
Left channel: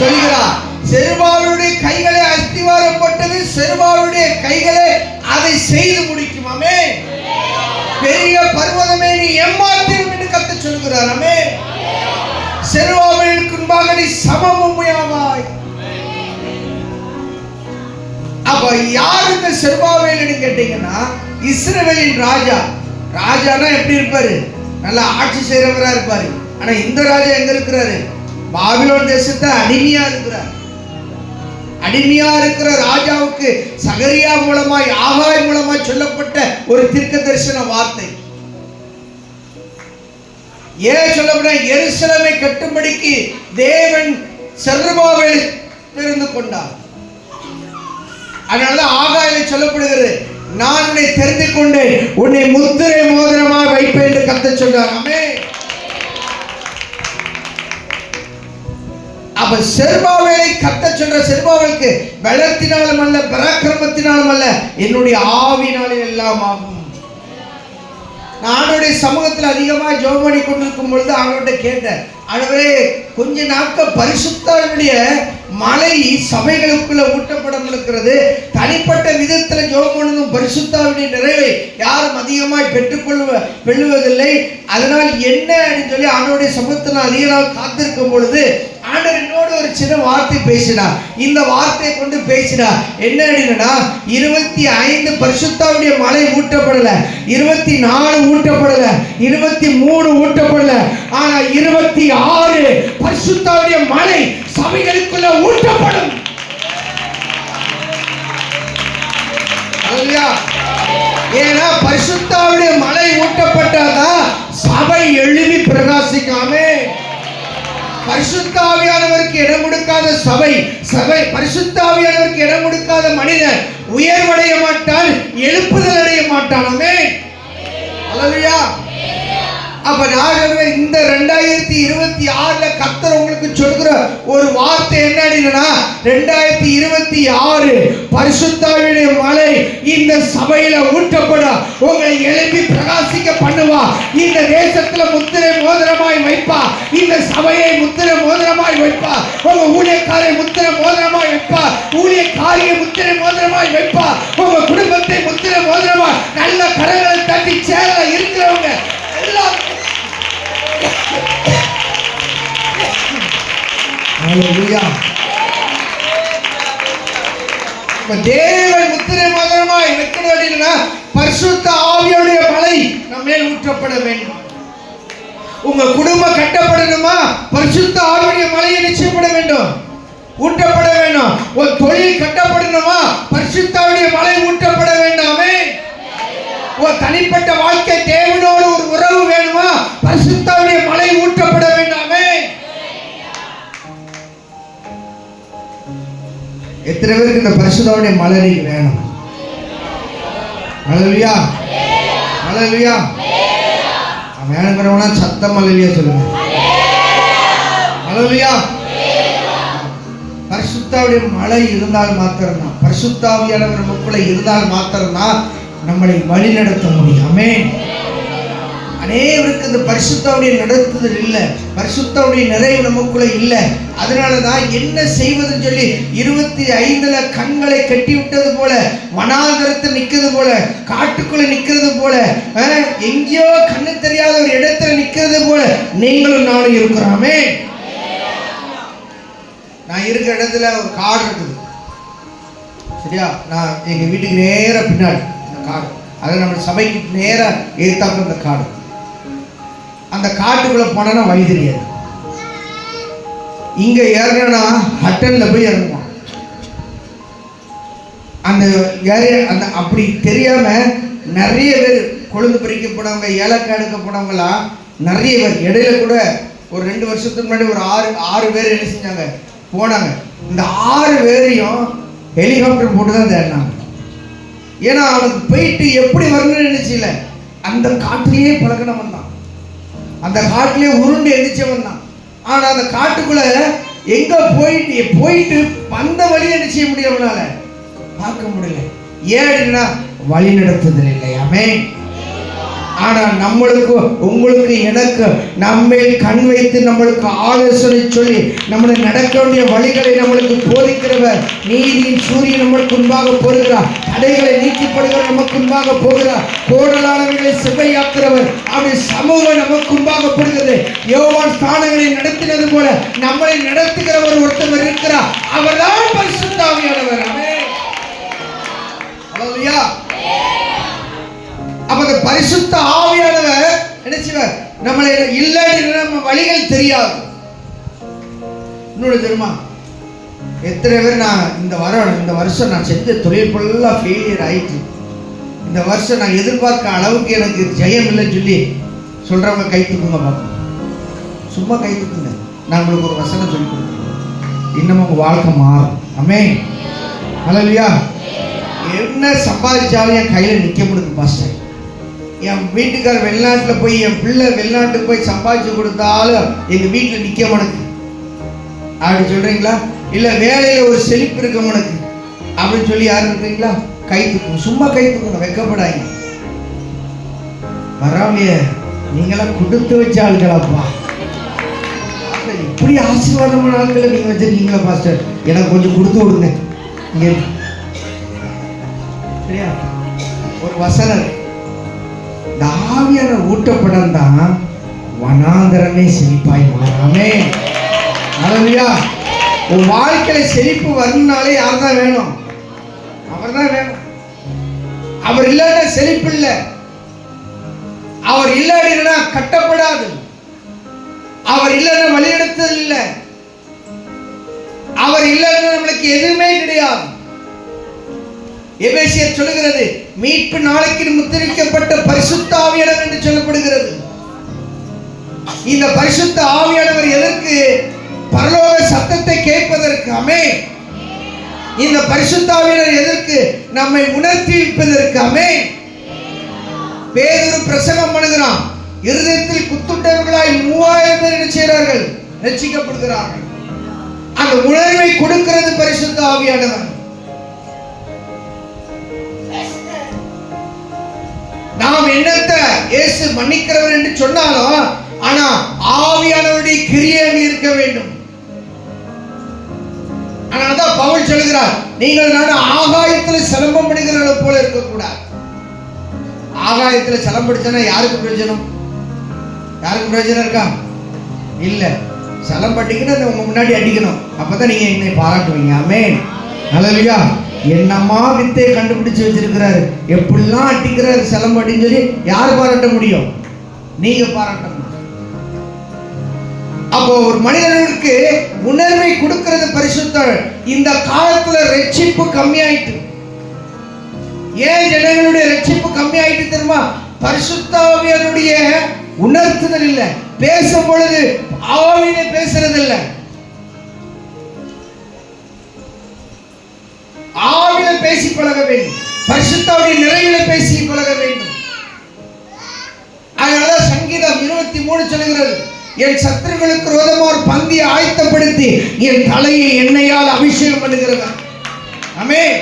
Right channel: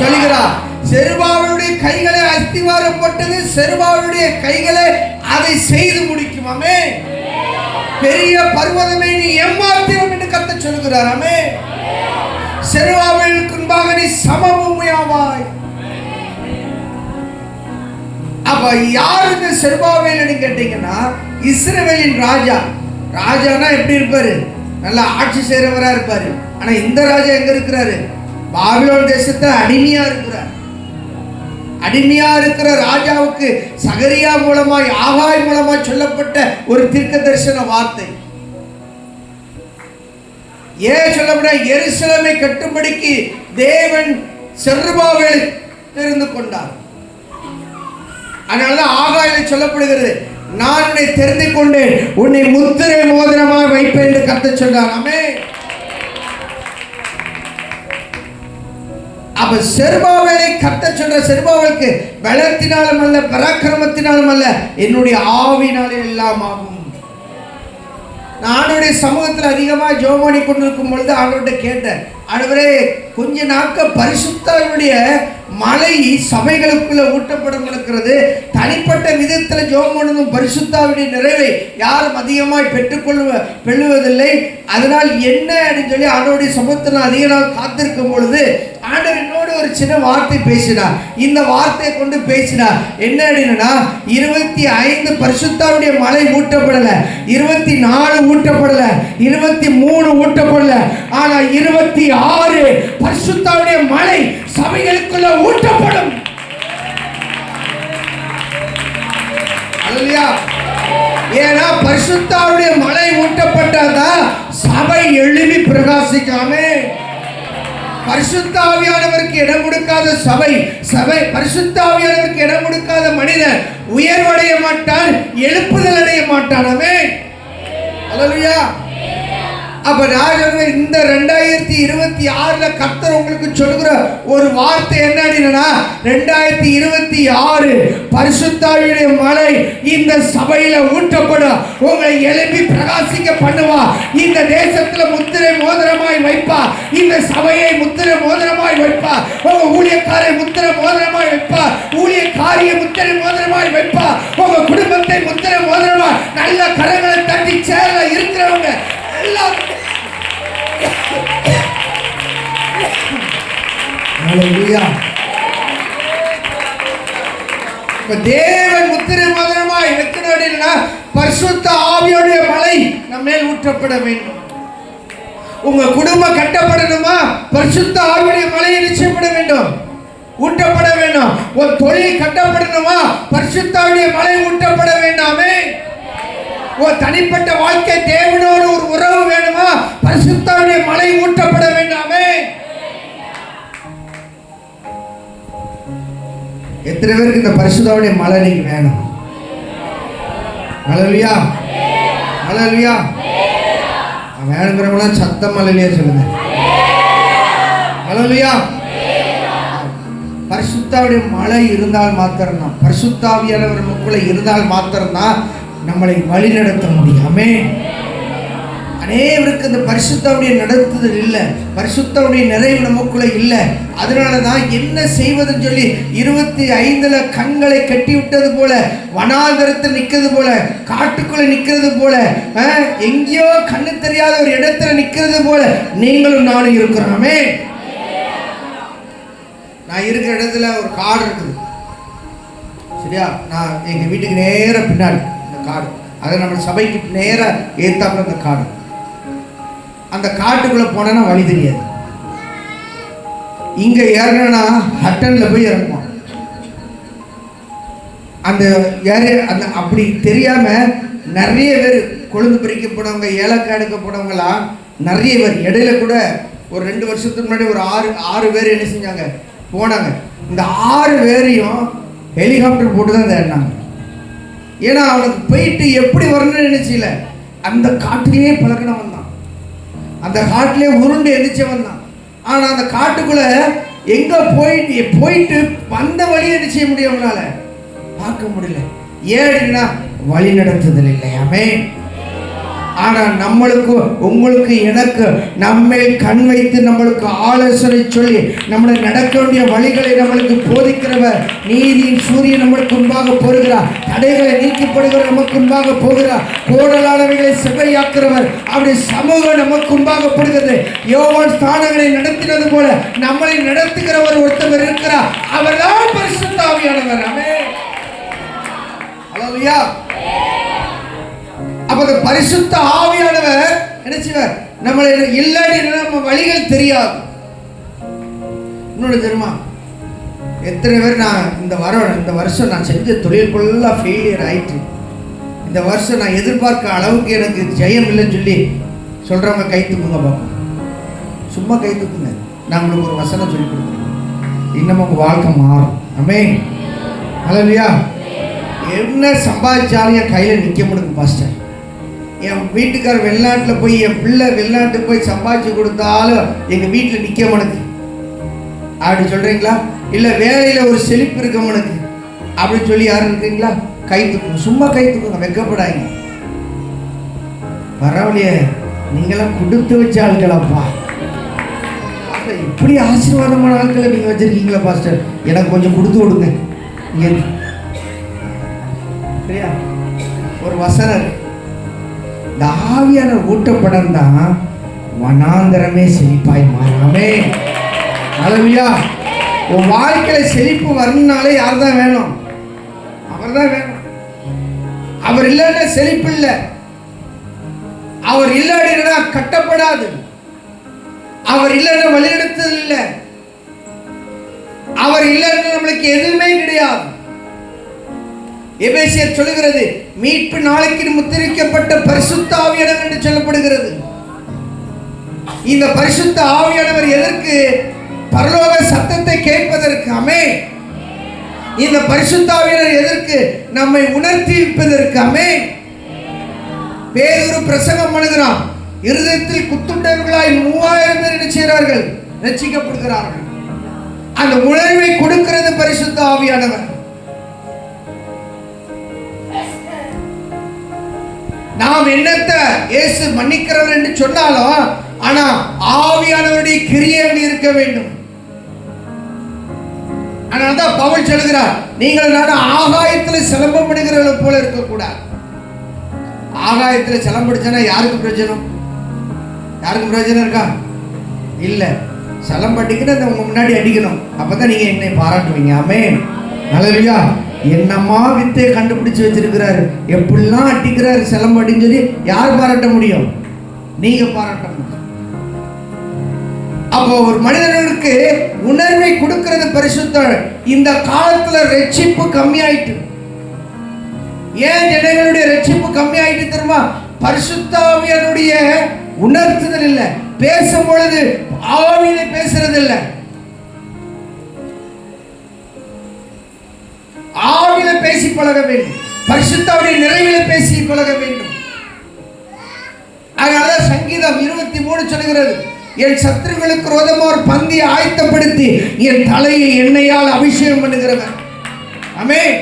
சொல்கிறார். செருபாபேலுடைய கைகளை அஸ்திவாரம் போட்டது, செருபாபேலுடைய கைகளை அதை செய்து முடிக்கும். ஆமென். பெரிய பர்வதமே நீ எம்மாத்திரம் என்று கர்த்தர் சொல்கிறார். ஆமென். செருபாபேலுக்கு முன்பாக நீ சமபூமியாவாய். அப்ப யாருக்கு செருபாபேல்னு கேட்டீங்கன்னா, இஸ்ரவேலின் ராஜா. ராஜானா எப்படி இருப்பாரு? நல்லா ஆட்சி செய்றவரா இருப்பாரு. ஆனா இந்த ராஜா எங்க இருக்கிறாரு? பாபிலோன் தேசத்துல அடிமையா இருக்கிறார். அடிமையா இருக்கிற ராஜாவுக்கு சகரியா மூலமாய், ஆகாய் மூலமாய் சொல்லப்பட்ட ஒரு தீர்க்க தரிசன வார்த்தை. ஏன் சொல்லப்பட? எருசலேமை கட்டும்படிக்கு தேவன் செருபாபேலை தெரிந்து கொண்டார். அதனாலதான் ஆகாயில சொல்லப்படுகிறது, நான் உன்னை தெரிந்து கொண்டேன், உன்னை முத்திரை மோதிரமாக வைப்பேன் என்று கர்த்தர் சொன்னார். ஆமென். அப்ப செருபாபேலை கர்த்தர் சொல்ற, செருபாபேலுக்கு பலத்தினாலும் அல்ல பராக்கிரமத்தினாலும் அல்ல என்னுடைய ஆவியினாலே எல்லாம் ஆகும். ஆண்டவருடைய சமூகத்தில் அதிகமா ஜெபம் பண்ணி கொண்டிருக்கும் பொழுது ஆண்டவர்கிட்ட கேட்டேன், ஆண்டவரே கொஞ்ச நாட்கள் பரிசுத்தருடைய மலை சபைகளுக்குள்ள ஊட்டப்படம் இருக்கிறது. தனிப்பட்ட விதத்தில் ஜெபம் பண்ணதும் பரிசுத்தாவுடைய நிறைவை யாரும் அதிகமாய் பெற்றுக்கொள்வதில்லை. அதனால் என்ன அப்படின்னு சொல்லி ஆண்டவருடைய சமூகத்தில் அதிக நாள் காத்திருக்கும் பொழுது ஆண்டவர் என்னோடு ஒரு சின்ன வார்த்தை பேசினார். இந்த வார்த்தையை கொண்டு பேசினார். என்ன அப்படின்னா, 25 பரிசுத்தாவுடைய மலை ஊட்டப்படல, 24 ஊட்டப்படல, 23 ஊட்டப்படல, ஆனா 26 பரிசுத்தாவுடைய மலை சபைகளுக்குள்ள ஊட்டப்படும். ஏன்னா பரிசுத்தாவுடைய மலை ஊட்டப்பட்டதான் சபை எழுப்பி பிரகாசிக்காமே. பரிசுத்த ஆவியானவருக்கு இடம் கொடுக்காத சபை, பரிசுத்த ஆவியானவருக்கு இடம் கொடுக்காத மனிதன் உயர்வடைய மாட்டான், எழுப்புதல் அடைய மாட்டான். ஆமென். அல்லேலூயா. அப்ப நான் இந்த 2026 கர்த்தர் உங்களுக்கு சொல்கிற ஒரு வார்த்தை என்ன அப்படின்னா, 2026 பரிசுத்தாவியுடைய மழை இந்த சபையில ஊற்றப்படும். உங்களை எழுப்பி பிரகாசிக்க பண்ணுவா. இந்த தேசத்துல முத்திரை மோதிரமாய் வைப்பா. இந்த சபையை முத்திரை மோதிரமாய் வைப்பா. உங்க ஊழியக்காரை முத்திரை மோதிரமாய் வைப்பா. ஊழியக்காரிய முத்திரை மோதிரமாய் வைப்பா. உங்க குடும்பத்தை முத்திரை மோதிரமாய் நல்ல கரங்களை தட்டி சேர இருக்கிறவங்க எல்லாம் தேவன் முத்திரை மோதிரமாய் வைக்கணும். பரிசுத்த ஆவியுடைய மழை நம்ம மேல் ஊற்றப்பட வேண்டும். உங்க குடும்பம் கட்டப்படணுமா? பரிசுத்த ஆவியுடைய மழையை நிச்சயப்பட வேண்டும், ஊற்றப்பட வேண்டும். ஒரு தொழில் கட்டப்படணுமா? பரிசுத்த ஆவியுடைய மழை ஊற்றப்பட வேண்டாமே. ஒரு தனிப்பட்ட வாழ்க்கை தேவனோடு ஒரு உறவு வேணுமா? பரிசுத்த ஆவியுடைய மழை ஊற்றப்பட வேண்டாமே. எத்தனை பேருக்கு இந்த பரிசுத்தாவுடைய மழை வேணும்? ஹல்லேலூயா, ஹல்லேலூயா. வேணுங்கிறவங்க சத்தம் ஹல்லேலூயா சொல்லுங்க. ஹல்லேலூயா. பரிசுத்தாவுடைய மழை இருந்தால் மாத்திரம்தான், பரிசுத்தாவியானவர் நமக்குள்ள இருந்தால் மாத்திரம்தான் நம்மளை வழி நடத்த முடியும். ஆமென். அநேகருக்கு இந்த பரிசுத்தாவுடைய நடத்துதல் இல்லை, பரிசுத்தாவுடைய நிறைவு நமக்குள்ள இல்லை. அதனாலதான் என்ன செய்வதுன்னு சொல்லி 25 கண்களை கட்டி விட்டது போல, வனாந்தரத்தில் நிக்கிறது போல, காட்டுக்குள்ள நிக்கிறது போல, எங்கேயோ கண்ணு தெரியாத ஒரு இடத்துல நிக்கிறது போல நீங்களும் நானும் இருக்கிறோமே. நான் இருக்கிற இடத்துல ஒரு காடு இருக்குது, சரியா? நான் எங்க வீட்டுக்கு நேர பின்னாடி இந்த காடு, அதை நம்ம சபைக்கு நேர ஏத்தாப்ப அந்த காடு. அந்த காட்டுக்குள்ள போனா வழி தெரியாது. இங்க ஏறினா ஹட்டன்ல போய் இறங்குவோம். அந்த அந்த அப்படி தெரியாம நிறைய பேர் கொழுந்து பறிக்க போனவங்க, ஏலக்காய் எடுக்க போனவங்களாம் நிறைய பேர். இடையில கூட ஒரு 2 வருஷத்துக்கு முன்னாடி ஒரு 6 பேர் என்ன செஞ்சாங்க, போனாங்க. இந்த 6 பேரையும் ஹெலிகாப்டர் போட்டு தான் தேடினாங்க. ஏன்னா அவனுக்கு போயிட்டு எப்படி வரணும்னு நினைச்சல, அந்த காட்டிலேயே பழக்கினவன் தான், அந்த காட்டிலே உருண்டு எரிச்சவன் தான். ஆனா அந்த காட்டுக்குள்ள எங்க போயிட்டு வந்த வழியை என்ன செய்ய முடியல, அவனால பார்க்க முடியல. ஏன்னா வழி நடத்துதல் இல்லையாமே. ஆனா நம்மளுக்கு, உங்களுக்கு, எனக்கு நம்மை கண் வைத்து நம்மளுக்கு ஆலோசனை சொல்லி நம்மளுக்கு நடக்க வேண்டிய வழிகளை நம்மளுக்கு போதிக்கிறவர், நீதியின் சூரியன் நம்மளுக்கு முன்பாக போகிறார், தடைகளை நீக்கப்படுகிற நமக்கு முன்பாக போகிறார், கோடலாளர்களை செவ்வையாக்குறவர், அவருடைய சமூகம் நமக்கு முன்பாக போகிறது. யோவான் ஸ்நானங்களை நடத்தினது போல நம்மளை நடத்துகிறவர் ஒருத்தவர் இருக்கிறார், அவர்தான் பரிசுத்த ஆவியானவர். ஆமென். ஹல்லேலூயா. அப்ப அந்த பரிசுத்த ஆவியானவர் என்ன செய்வார், நம்மளை இல்லாட்டி நம்ம வழிகள் தெரியாது. இன்னொரு தெரியுமா, எத்தனை பேர் நான் இந்த வருஷம் நான் செஞ்ச தொழில் ஃபுல்லாக ஃபெயிலியர் ஆயிட்டு, இந்த வருஷம் நான் எதிர்பார்க்க அளவுக்கு எனக்கு ஜெயம் இல்லைன்னு சொல்லி சொல்றவங்க கை தூக்குங்க பாப்போம். சும்மா கை தூக்குங்க. நான் உங்களுக்கு ஒரு வசனம் சொல்லி கொடுக்குறேன், இன்னும் உங்க வாழ்க்கை மாறும். ஆமென். ஹல்லேலூயா. என்ன சம்பாதிச்சாலும் என் கையில நிக்க முடியுங்க பாஸ்டர். என் வீட்டுக்காரர் வெளிநாட்டில் போய், என் பிள்ளை வெளிநாட்டுக்கு போய் சம்பாதிச்சு கொடுத்தாலும் எங்க வீட்டில் நிக்க முடியுது அப்படி சொல்றீங்களா? இல்ல வேலையில ஒரு செழிப்பு இருக்க முடியுது அப்படின்னு சொல்லி யாரும் இருக்கீங்களா? கை தூக்குங்க. சும்மா கை தூக்குங்க, வெக்கப்படாங்க. பரவாயில்லையே, நீங்களாம் கொடுத்து வச்ச ஆளுங்களாப்பா, இப்படி ஆசீர்வாதமான ஆட்களை நீங்க வச்சிருக்கீங்களா பாஸ்டர், எனக்கு கொஞ்சம் கொடுத்து விடுங்க. சரியா? ஒரு வசனம், இந்த ஆவியான ஊட்டப்படம் தான் வனாந்தரமே செழிப்பாய் மாறாமே. ஹல்லேலூயா. உன் வாழ்க்கையில செழிப்பு வரணும்னாலே யார் தான் வேணும்? அவர் தான் வேணும். அவர் இல்லைன்னா செழிப்பு இல்லை, அவர் இல்லைன்னா கட்டப்படாது, அவர் இல்லைன்னா வழிநடத்துதல் இல்லை, அவர் இல்லைன்னா நம்மளுக்கு எதுவுமே கிடையாது. எபேசியர் சொல்லுகிறது, மீட்பு நாளைக்கு முத்திரிக்கப்பட்ட பரிசுத்த ஆவியானவர் என்று சொல்லப்படுகிறது. இந்த பரிசுத்த ஆவியானவர் எதற்கு? பரலோக சத்தத்தை கேட்பதற்கு. ஆமென். இந்த பரிசுத்த ஆவியானவர் எதற்கு? நம்மை உணர்த்தி இருப்பதற்கு. ஆமென். பேதுரு பிரசங்கம் பண்ணுகிறான், இருதயத்தில் குத்துண்டவர்களாய் 3000 பேர் என்ன செய்கிறார்கள்? ரட்சிக்கப்படுகிறார்கள். அந்த உணர்வை கொடுக்கிறது பரிசுத்த ஆவியானவர். நாம் என்னத்தை இயேசு மன்னிக்கிறவர் என்று சொன்னாலும், ஆனா ஆவியானவருடைய கிரியை இருக்க வேண்டும். அதனால்தான் பவுல் சொல்கிறார், நீங்கள் நான் ஆகாயத்தில் சிலம்பம் பண்ணுகிறவர்கள் போல இருக்கக்கூடாது. ஆகாயத்தில் சிலம்பம் அடிச்சா யாருக்கு பிரயோஜனம்? யாருக்கு பிரயோஜனம் இருக்கா? இல்ல. சிலம்பம் அடிக்கணும், உங்க முன்னாடி அடிக்கணும், அப்பதான் நீங்க என்னை பாராட்டுவீங்க. ஆமென். ஹல்லேலூயா. என்னமா வித்தை கண்டுபிடிச்சு வச்சிருக்கிறாரு, எப்படிலாம் அடிக்கிறாரு சிலம்பம் அப்படின்னு சொல்லி யார் பாராட்ட முடியும்? நீங்க பாராட்ட முடியும். அப்போ ஒரு மனிதனுக்கு உணர்வை கொடுக்கிறது பரிசுத்த. இந்த காலத்துல ரட்சிப்பு கம்மியாயிட்டு. ஏன் ஜனங்களுடைய ரட்சிப்பு கம்மியாயிட்டு தெரியுமா? பரிசுத்த ஆவியானுடைய உணர்த்துதல் இல்லை. பேசும் பொழுது ஆவியில பேசுறது இல்லை, ஆவியில பேசி பழக வேண்டும், பரிசுத்தாவுடைய நிறைவில பேசி பழக வேண்டும். அதனாலதான் சங்கீதம் 23 சொல்கிறது, என் சத்துருக்களுக்கு விரோதமாக ஒரு பந்தியை ஆயத்தப்படுத்தி என் தலையை எண்ணெயால் அபிஷேகம் பண்ணுகிறவர். ஆமென்.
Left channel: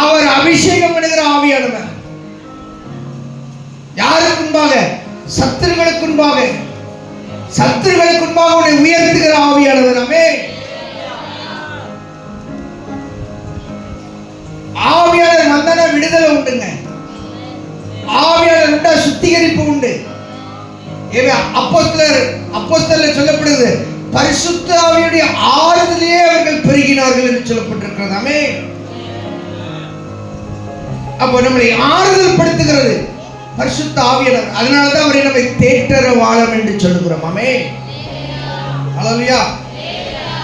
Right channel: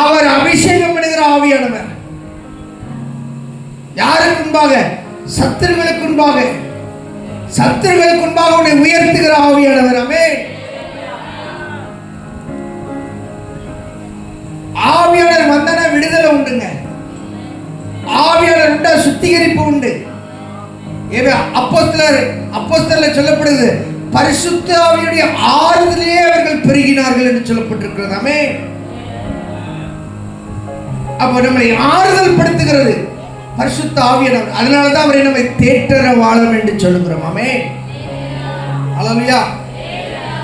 அவர் அபிஷேகம் பண்ணுகிற ஆவியானவர். யாருக்கு முன்பாக? சத்துருக்களுக்கு முன்பாக. சத்துருக்களுக்கு முன்பாக உன்னை உயர்த்துகிற ஆவியானவர். ஆமென். ஆவியானவர் வந்தனா விடுதலை உண்டுங்க. ஆவியானவர் உண்டா சுத்திகரிப்பு உண்டு. அப்போஸ்தலர் சொல்லப்படுது, பரிசுத்த ஆவியுடைய ஆறுதலே அவர்கள் பெருகினார்கள் என்று சொல்லப்பட்டிருக்கிறது. ஆமென். அப்போ நம்மை ஆறுதல் படுத்துகிறது பரிசுத்த ஆவியானவர். அதனாலதான் அவரை நம்மை தேற்றற வாழம் என்று சொல்கிறோம். ஆமென். அல்லேலூயா.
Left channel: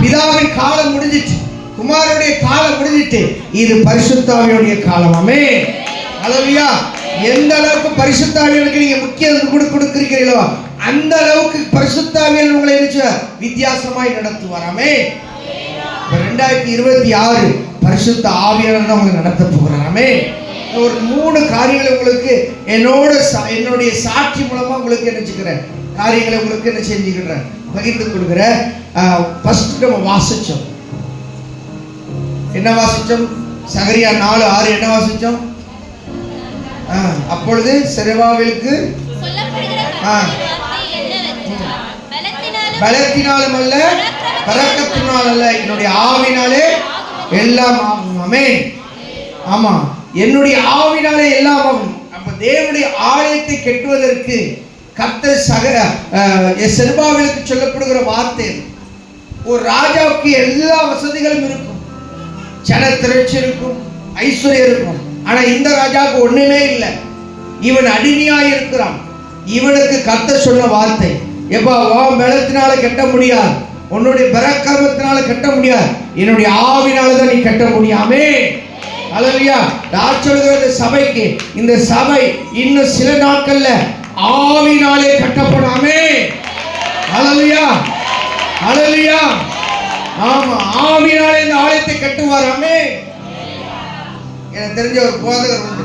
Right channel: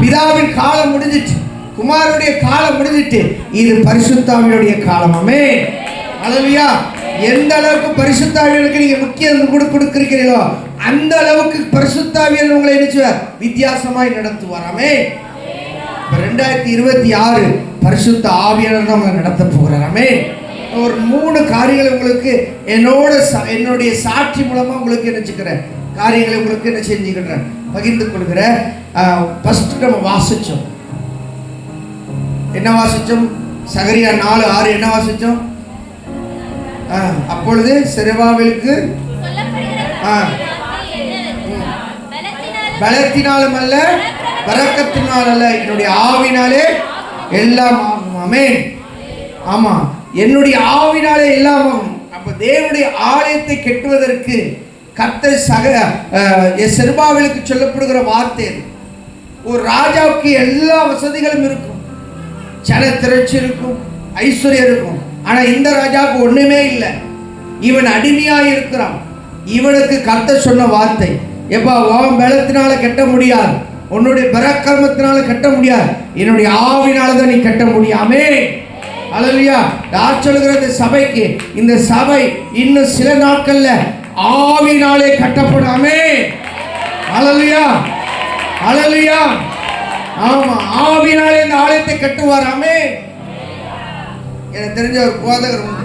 பிதாவின் காலம் முடிஞ்சிட்டு, குமாரனுடைய காலம் முடிஞ்சிட்டு, இது பரிசுத்த ஆவியுடைய காலம். ஆமென். அல்லேலூயா. எந்த அளவுக்கு பரிசுத்த ஆவியானவருக்கு நீங்க முக்கியத்துவம் கொடுக்கிறீர்களோ அந்த அளவுக்கு பரிசுத்த ஆவியானவர் உங்களை நினைச்சுவார், வித்தியாசமாய் நடத்துவார். ஆமென். 2026 பரிசுத்த ஆவியானவர் உங்களை நடத்த போகிறார். ஆமென். ஒரு 3 காரியங்களை உங்களுக்கு என்னுடைய சாட்சி மூலமா உங்களுக்கு நினைச்சுக்கிறேன் காரியங்களை உங்களுக்கு என்ன செஞ்சுக்கிறேன் பகிர்ந்து கொடுக்கிறேன். ஃபர்ஸ்ட் நம்ம வாசிச்சோம். என்ன வாசிச்சோம்? சகரியா 4:6 என்ன வாசிச்சோம்? அப்பொழுது செருபாபேலுக்கு பலத்தினாலும் அல்ல பரக்கத்தினாலும் அல்ல, என்னுடைய ஆவினாலே எல்லாம் ஆகும். ஆமென். ஆமா, என்னுடைய ஆவினாலே எல்லாம் ஆகும். அப்ப தேவனுடைய ஆலயத்தை கட்டுவதற்கு கர்த்தர் செருபாபேலுக்கு சொல்லப்படுகிற வார்த்தை, ஒரு ராஜாவுக்கு எல்லா வசதிகளும் இருக்கும், ஜன திரட்சி இருக்கும், ஐஸ்வர்யம் இருக்கும். ஆனா இந்த ராஜாவுக்கு ஒண்ணுமே இல்லை. இவன் அடிமையாக இருக்கிறான். இவனுக்கு கர்த்தர் சொன்ன வார்த்தை, எப்பா உன் பலத்தினால கட்ட முடியாது, உன்னுடைய பராக்கிரமத்தினால கட்ட முடியாது, என்னுடைய ஆவினால தான் நீ கட்ட முடியாமே. அல்லேலூயா. யார் சொல்கிறது? சபைக்கு. இந்த சபை இன்னும் சில நாட்கள்ல ஆவினாலே கட்டப்படாமே. அல்லேலூயா. அல்லேலூயா. ஆமா, ஆவினாலே இந்த ஆலயத்தை கட்டுவாராமே. எனக்கு தெரிஞ்ச ஒரு போதகர் உண்டு,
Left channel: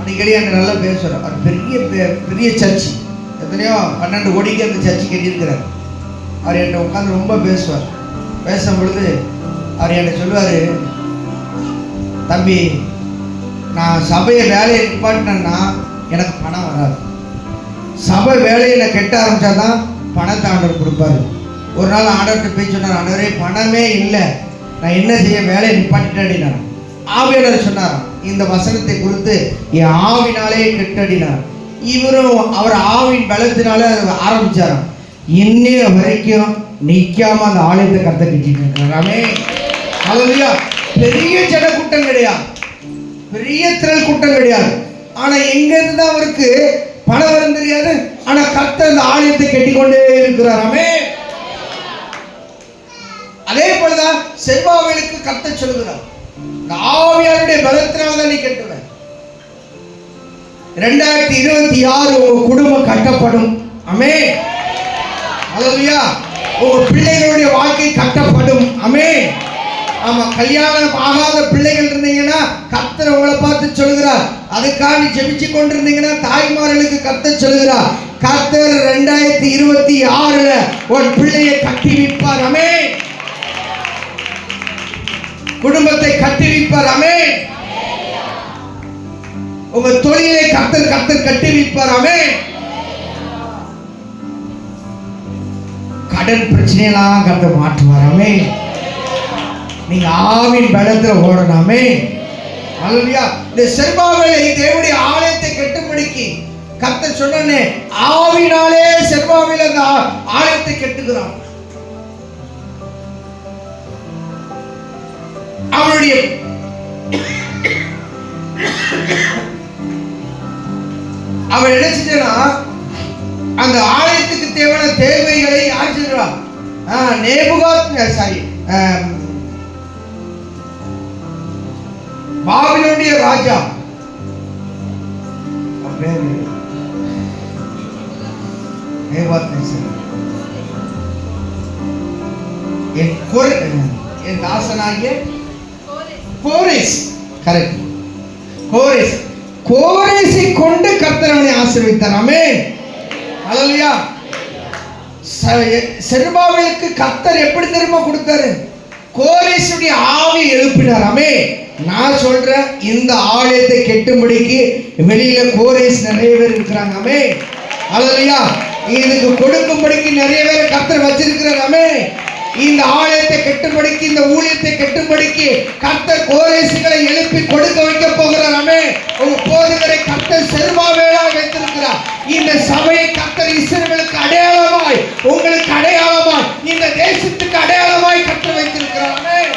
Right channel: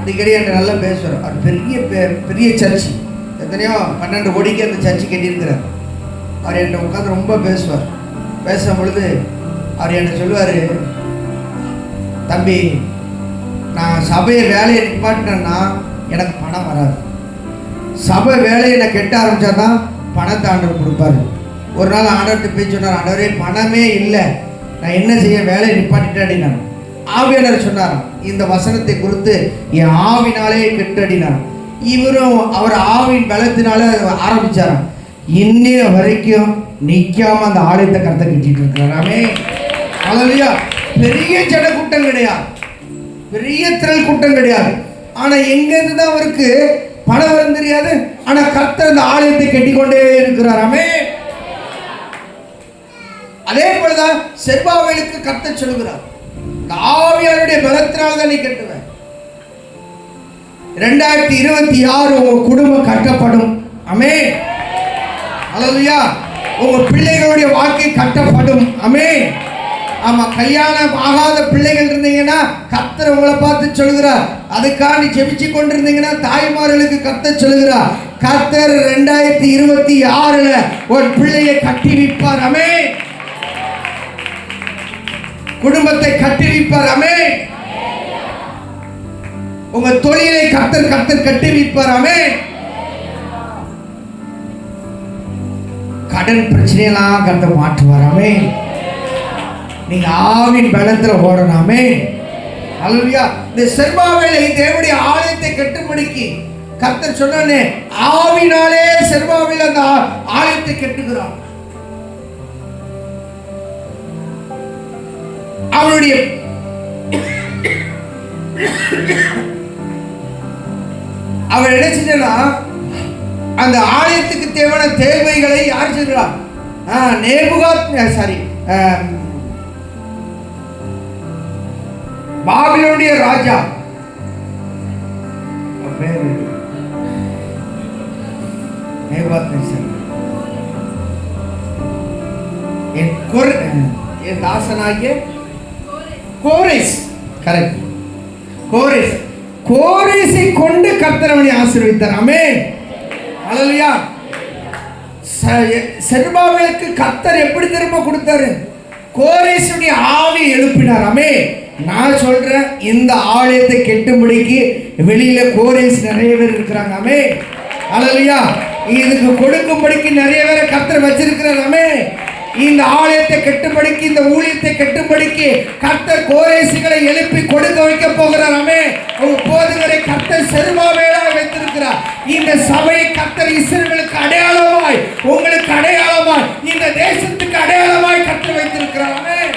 அடிக்கடி அங்க நல்லா பேசுவார். அவர் பெரிய சர்ச், எத்தனையோ 12 கோடிக்கு அந்த சர்ச்சு கட்டியிருக்கிறார். அவர் என்கிட்ட உட்காந்து ரொம்ப பேசுவார். பேசும் பொழுது அவர் என்கிட்ட சொல்லுவார், தம்பி நான் சபையை வேலையை நிப்பாட்டினேன்னா எனக்கு பணம் வராது. சபை வேலையை நான் கெட்ட ஆரம்பித்தாதான் பணத்தை ஆண்டவர் கொடுப்பாரு. ஒரு நாள் ஆண்டவர்கிட்ட போய் சொன்னார், ஆண்டவரே பணமே இல்லை, நான் என்ன செய்ய, வேலையை நிப்பாட்டிட்டேன். ஆவியானவர் சொன்னார், இந்த வசனத்தை குறித்து என் ஆவினாலே கெட்டடினார். இவரும் அவர் ஆவின் பலத்தினால ஆரம்பிச்சார். இன்னைய வரைக்கும் நிக்காம அந்த ஆலயத்தை கத்த கட்டிட்டு இருக்கிறாமே. அல்லேலூயா. பெரிய ஜன கூட்டம் கிடையாது, பெரிய திரள் கூட்டம் கிடையாது. ஆனா எங்க இருந்து தான் அவருக்கு பணம் வரும் தெரியாது. ஆனா கர்த்தர் அந்த ஆலயத்தை கட்டிக்கொண்டே இருக்கிறாராமே. அதே போலதான் செருபாபேலுக்கு கர்த்தர் சொல்லுகிறார், ஆவியானுடைய பலத்தினால தான் நீ கட்டுவேன். 2026 உங்க குடும்பம் கட்டப்படும். ஆமென். அல்லேலூயா. உங்க பிள்ளைகளுடைய வாழ்க்கை கட்டப்படும். ஆமென். ஆமா, கல்யாணம் ஆகாத பிள்ளைகள் இருந்தீங்கன்னா கர்த்தர் உங்களை பார்த்து சொல்லுகிறார், அதுக்காக நீ ஜெபிச்சு கொண்டிருந்தீங்கன்னா தாய்மார்களுக்கு கர்த்தர் சொல்லுகிறார், கர்த்தர் 2026 ஒரு பிள்ளையை கட்டி வைப்பார். ஆமென். குடும்பத்தை கட்டி வைப்பார். ஆமென். உங்க தொழிலை கர்த்தர் கட்டி வைப்பார். ஆமென். கடன் பிரச்சனையெல்லாம் கர்த்தர் மாற்றுவார். ஆமென். நீங்க ஆவின் பலத்துல ஓடணும். ஆமென். அல்லேலூயா. இந்த செருபாபேலை தேவனுடைய ஆலயத்தை கட்டும்படிக்கு கர்த்தர் சொன்னானே, ஆவினாலே செருபாபேல் அந்த ஆலயத்தை கட்டுகிறான். அவனுடைய அவன் என்ன செஞ்சா, அந்த ஆலயத்துக்கு தேவையான தேவைகளை யார் செஞ்சான்? பாபிலோனிய ராஜா என் தாசனாகிய கோரேஸ், கரெக்ட், கோரேசை கொண்டு கர்த்தர் அவனை ஆசீர்வதித்தார். ஆமென். அல்லேலூயா. செருபாபேலுக்கு கர்த்தர் எப்படி திரும்ப கொடுத்தாரு? கோரேசுடைய ஆவி எழுப்பினார். ஆமென். நான் சொல்றேன், இந்த ஆலயத்தை கெட்டும்படிக்கு வெளியில கோரேஸ் நிறைய பேர் இருக்கிறாங்க. ஆமென். அல்லேலூயா. இதுக்கு கொடுக்கும்படிக்கு நிறைய பேரை கர்த்தர் வச்சிருக்கிறார். ஆமென். இந்த ஆலயத்தை கெட்டும்படிக்கு, இந்த ஊழியத்தை கெட்டும்படிக்கு கர்த்தர் கோரேசுகளை எழுப்பி கொடுக்க வைக்க போகிறார். ஆமென். ஒரு போதகரை கர்த்தர் செருபாபேலாய் வைத்திருக்கிறார். இந்த சபையை கர்த்தர் இஸ்ரவேலுக்கு அடையாளமாய், உங்களுக்கு அடையாளமாய், இந்த தேசத்துக்கு அடையாளமாய் கர்த்தர் வைத்திருக்கிறார். ஆமென்.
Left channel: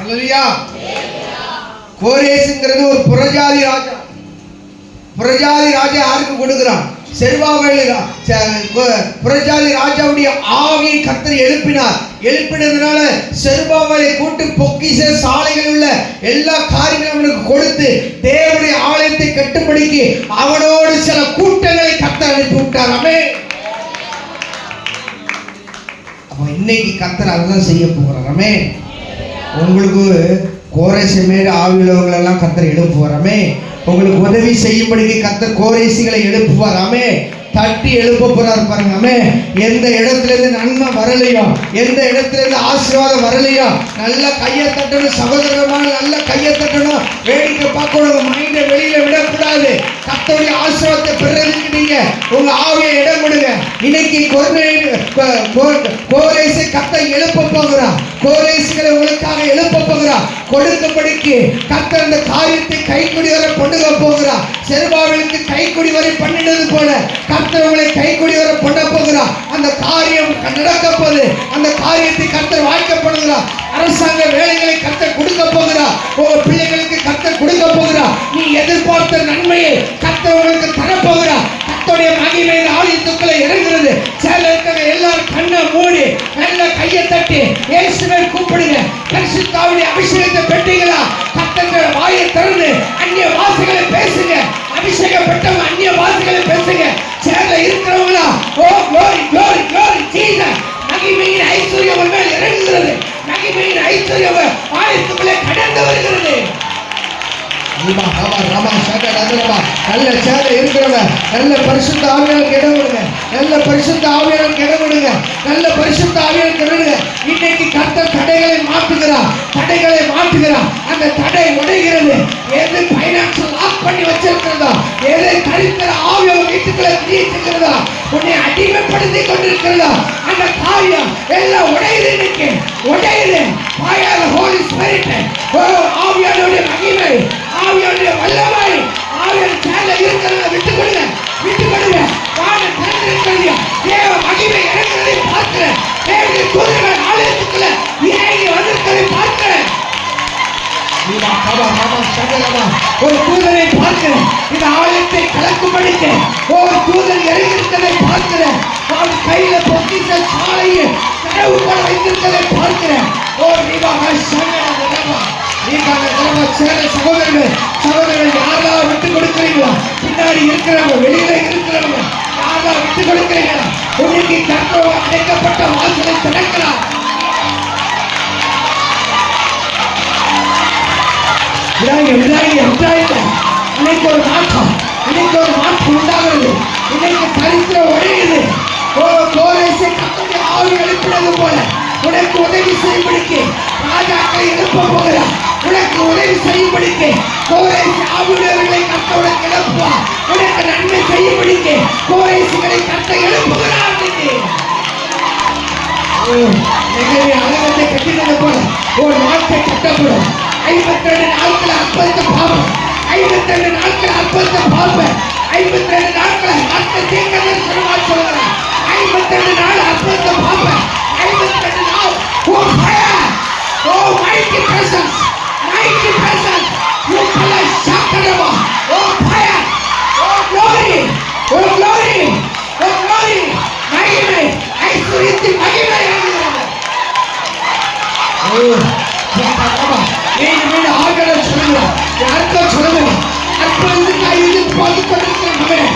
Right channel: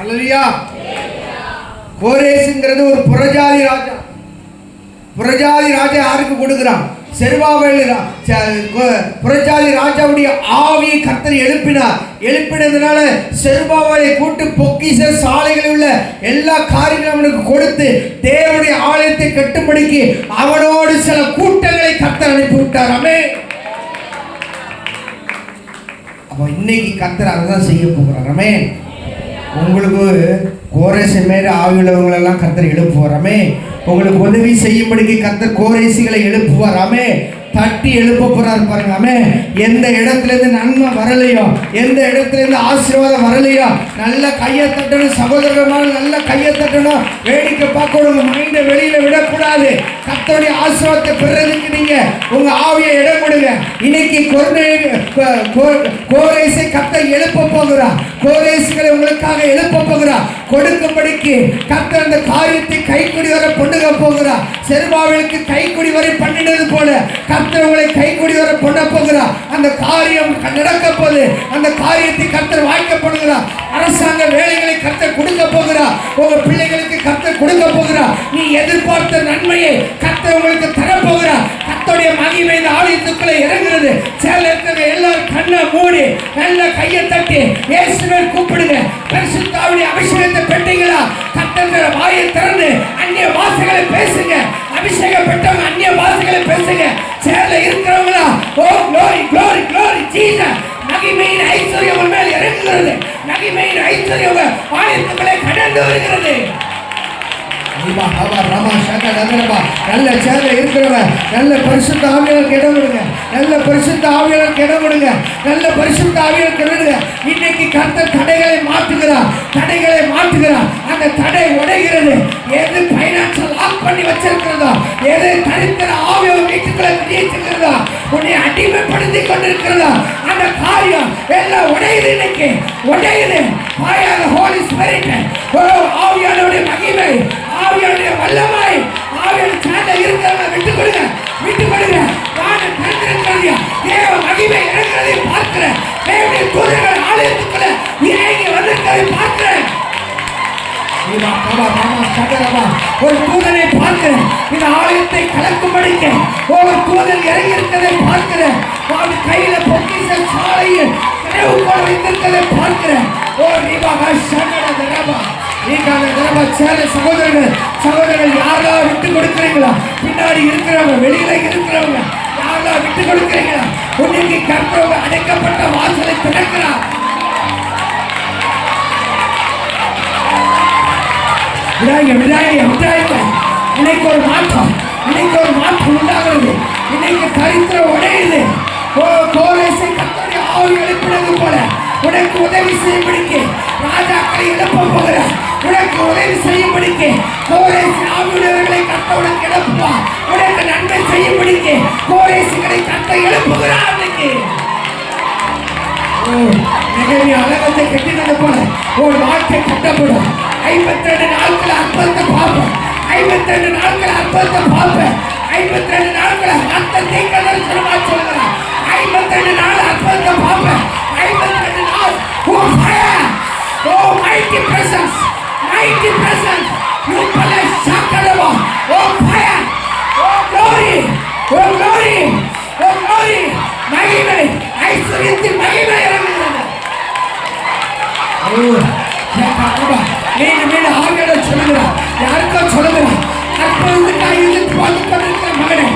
அல்லேலூயா. கோரேசுங்கிறது ஒரு புறஜாதி ராஜா. புறஜாதி ராஜா யாருக்கு கொடுக்கிறான்? செருபாபேல். புறஜாதி ராஜாவுடைய ஆவியை கர்த்தர் எழுப்பினார். எழுப்பினதுனால செருபாபேலை கூட்டு பொக்கிஷ சாலைகளில் உள்ள எல்லா காரியங்களும் அவனுக்கு கொடுத்து தேவனுடைய ஆலயத்தை கட்டும்படிக்கு அவனோடு சில கூட்டங்களை கர்த்தர் அனுப்பி விட்டார். ஆமென். அப்ப இன்னைக்கு கர்த்தர் அதான் செய்ய போகிறார். ஆமென். உங்களுக்கு கோரேசு மேல ஆவியுள்ளவங்களெல்லாம் கர்த்தர் எழுப்புவாராமே. உங்களுக்கு உதவி செய்யும்படிக்கு கர்த்தர் கோரேசிகளை எழுப்புவாராமே. தட்டி எழுப்ப போறாரு பாருங்க. எந்த இடத்துல இருந்து நன்மை வரலையோ, எந்த இடத்துல இருந்து ஆசீர்வாதம் வரலையோ, நல்ல கையை தட்டணும் சகோதரமா, நல்ல கையை தட்டணும். வேடிக்கை பார்க்கணும், மைண்டை வெளியில விடக்கூடாது. கர்த்தருடைய ஆசீர்வாதத்தை பெறதுக்கு நீங்க உங்க ஆவியை இடம் கொடுங்க. இன்னைக்கு கோரேசை கர்த்தர் எழுப்ப போகிறார். கோரேசுகளை உங்களுக்காக எழுப்ப போகிறார். கொடுக்கும்படிக்கு கர்த்தர் அந்த காரியத்தை கைக்குடி வரை பண்ணுக போகிறார். செருபாபேலுக்கு கைக்குடி வரை பண்ணினது போல கர்த்தர் உங்களை கைக்குடி வரை பண்ண போகிறார். அந்த காரியம் நடக்க போது, அந்த காரியத்தை கர்த்தர் வாய்க்கப்படுகிறார். அரசாங்க வேலைகளை கர்த்தர் கொடுக்க போகிறார். உங்க பிள்ளைகளுக்கு கர்த்தர் கொடுக்க போகிறார். நீ எதிர்பார்த்த நன்மையை கர்த்தர் உங்களுக்கு தரப்போகிறார். கர்த்தருடைய மகிமை இந்த ஆலயத்துக்குள்ள இறங்குறது. சேலத்துல எல்லாரும் கண்ணை மூடி நல்ல கையை தட்டி இயேசுவை கூப்பிடுங்க. பரிசுத்தாவிய அபிஷேகத்தை பெற்றீங்களா? கர்த்தர் வாயை திறந்து அந்நிய வாசைகளை பேசுங்க. அபிஷேகப்பட்டவங்க அந்நிய வாசைகளை பேசுங்க. சேல இருக்கிறவங்களா, ஓ glory glory glory ஜீசஸ். மகிமையின் ஐஸ்வர்யம் மேல் இறங்குகிறது. மகிமையின் ஐஸ்வர்யம் ஆலயத்துக்குள்ளே கடந்து வருகிறது. நல்ல சேலை இருக்கிறவங்க நல்ல பரிசுத்த ஆவியாளருக்கு இடம் கொடுங்க. நல்ல பரிசுத்த ஆவியாளருக்கு இடம் கொடுங்க. நல்ல பரிசுத்த ஆவியாளருக்கு கொடுங்க. இன்னைக்கு கர்த்தர் தடைகளை மாற்றுகிறார். தடைகளை மாற்றுகிறார். அந்த தடை உடைகிறது. எது பைனான்சியல் லாக் பண்ணி வச்சிருக்கிறதோ, எது தரித்திர ஆவியோ வீட்டுக்குள்ள திணிச்சிருக்கிறதோ, உன்னை அடிமைப்படுத்தி கொண்டிருக்கிறதோ, அந்த காரியம் எல்லாம் உடையுது. இன்னைக்கு உடையுது. ஹோலி ஸ்பிரிட், ஆவியானவருடைய மகிமை, ஆவியானுடைய வல்லமை, ஆவியான சேலை இருக்கிறத விட்டு கொடுங்க. விட்டு கொடுங்க. வான தேர்ந்தெடுக்கிறது தேவ மகிமை இருக்கிறதை பார்க்கிறேன். தேவனுடைய தூதர்கள் ஆலயத்துக்குள்ள இறங்கி வந்திருக்கிறதை பார்க்கிறேன். ஒரு தூதரை பார்க்கிறேன். இந்த ஆலயத்தை கலக்கும்படிக்க ஒவ்வொரு தூதர் இறங்கி இருக்கிறதை பார்க்கிறேன். அவன் கையில பொக்கிஷ சாலையில் கனவு போல வைத்திருக்கிறதை பார்க்கிறேன். ஓ நீவாக சகோதரர்கள், சகோதரர்கள் யாரெல்லாம் விட்டு கொடுக்கிறீங்களா? பின்னாடி இருக்கிறவங்க, வெளியில இருக்கிறவங்க யாரெல்லாம் விட்டு கொடுக்கிறீங்களா? இன்னைக்கு கர்த்தர் அடைக்கப்பட்ட வாசலை திறக்கிறார். இன்னைக்கு ஒரு மாற்றம், இன்னைக்கு ஒரு மாற்றம் உண்டாகிறது. இன்னைக்கு தரித்திரம் உடையுது. கோரேசை கர்த்தருடைய ஆவி எழுப்பினது போல உனக்கு உதவி செய்யும்படிக்கு ராஜாக்களை எழுப்ப போகிறார். உனக்கு உதவி செய்யும்படிக்கு கோரேசு ஆவியுடையவர்களை கர்த்தர் உனக்கு எழுப்புவார். உனக்கு நன்மை செய்யும்படிக்கு கோரேசுகளை கர்த்தர் எழுப்புகிறார். இன்னைக்கு அலங்கத்தை கட்டினது போல ஒரு வாழ்க்கை கட்டப்படும். 52 நாட்கள் அற்புதத்தை பார்ப்பேன். 52 நாட்கள் அற்புதத்தை பார்ப்பேன். 52 நாட்கள் வார்த்தை கேட்கதான் சொல்லுங்க சொல்லுங்க. 52 நாள் அற்புதத்தை பார்ப்பேன். 52 நாள் oh fire, oh mighty presence, mighty presence, you bless Shakarava, oh fire, oh glory, oh glory, oh glory, மகிமை, ஐஸ்வர்யத்தின் மகிமை இறங்குகிறது. ஓ Shakarava, மீண்டும் ஆகல சொல்லுங்க. யாருக்கோ சொல்லுங்க. அற்புதத்துக்காக இது போதிக் கொண்டிருக்கிற மகனே,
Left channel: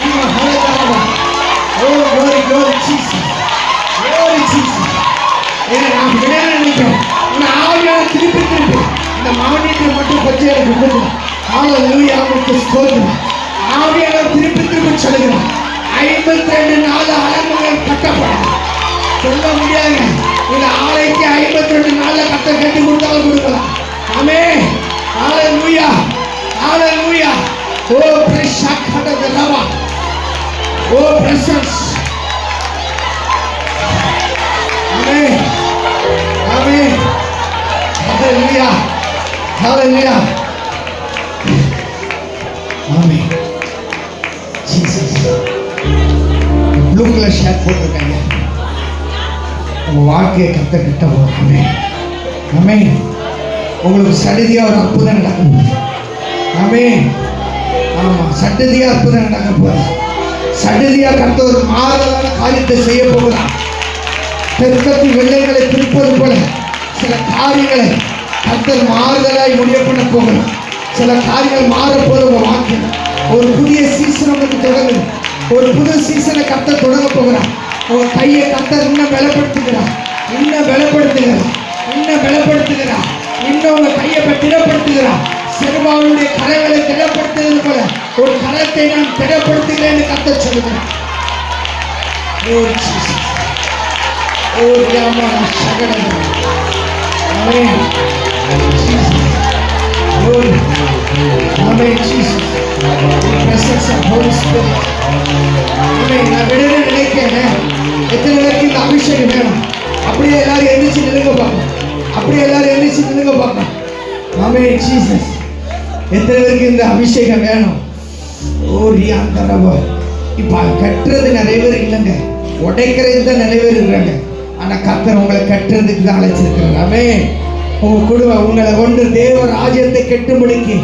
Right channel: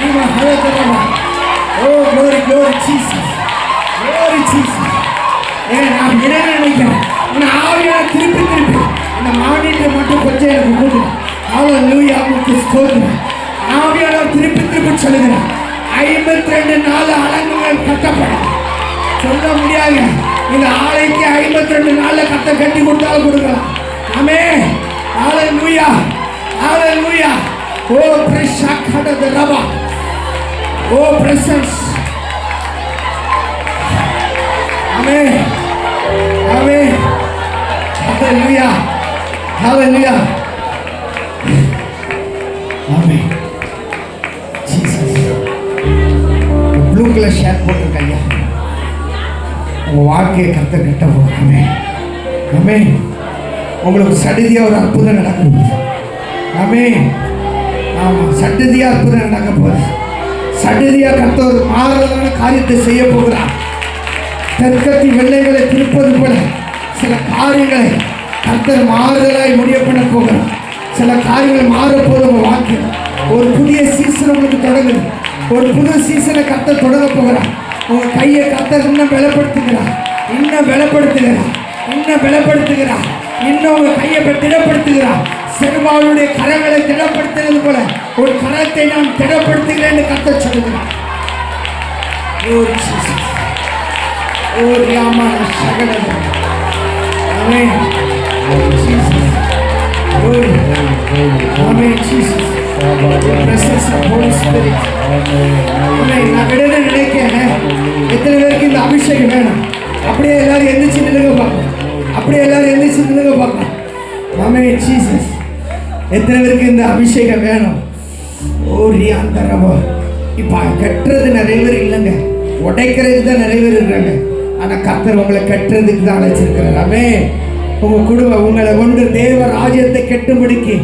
Oh, glory, glory, Jesus. Glory, Jesus. நான் விட நினைக்கிறேன். இந்த ஆவியான திருப்பி இந்த மாநிலத்தை மட்டும் கொஞ்சம் எனக்கு கொடுங்க. ஹல்லேலூயா, உமக்கு ஸ்தோத்திரம். ஆவியான திருப்பி சொல்லுகிறேன். 52 நாள் அலங்குகள் கட்டப்படும். சொல்ல முடியாது. இந்த ஆலைக்கு 52 நாள்ல கட்ட கட்டி கொடுத்தாலும் கொடுக்கலாம். ஆமென். ஹல்லேலூயா, ஹல்லேலூயா. ஓ பிரஷாக்கட ரவா. ஓ பிரசன்ஸ். ஆமென், ஆமென். ஹல்லேலூயா, ஹல்லேலூயா, ஆமென். ஜீசஸ். ப்ளூ கலர் ஷர்ட் போட்டிருக்காங்க. உங்க வாழ்க்கையை கத்த கட்ட போறாமே. ஆமென். உங்களுக்கு சடுதியா ஒரு அற்புதம் நடக்கும். ஆமென். ஆமா, சடுதியா அற்புதம் நடக்க போகுது. சடுதியா கத்த ஒரு மாறுதலான காரியத்தை செய்ய போகிறார். தெற்கத்தி வெள்ளைகளை திருப்பது போல சில காரியங்களை கத்தர் மாறுதலாய் முடிய பண்ண போகிறார். சில காரியங்கள் மாறப்போது உங்க வாழ்க்கை ஒரு புதிய சீசன் உங்களுக்கு தொடங்குது. ஒரு புது சீசனை கத்த தொடங்க போகிறார். உங்க கையை கத்தர் இன்னும் பலப்படுத்துகிறார், இன்னும் பலப்படுத்துகிறார், இன்னும் பலப்படுத்துகிறார், இன்னும் உங்க கையை திடப்படுத்துகிறார். செருபாவுடைய கரங்களை திடப்படுத்துகிறது போல ஒரு கரத்தை நான் திடப்படுத்துகிறேன் என்று கத்த சொல்லுகிறேன். எத்தனை பேருக்கு இந்த அபிஷேகம் வேணும்? அப்படியே எல்லாரும் எந்திரிச்சு நிலுங்க பார்க்கணும். அப்படியே எல்லாரும் எந்திரிச்சு நிலுங்க பார்க்கணும். ஆமென் ஜீசஸ். எத்தனை பேருக்கு இந்த அபிஷேகம் வேணும்? இப்ப கட்டுறது நிறைய பேர் இல்லைங்க, உடைக்கிறதுக்கு தான் நிறைய பேர் இருக்காங்க. ஆனா கர்த்தர் உங்களை கட்டுறதுக்கு தான் அழைச்சிருக்கிறார். ஆமென். உங்க குடும்பம் உங்களை கொண்டு தேவ ராஜ்யத்தை கட்டும்படிக்கு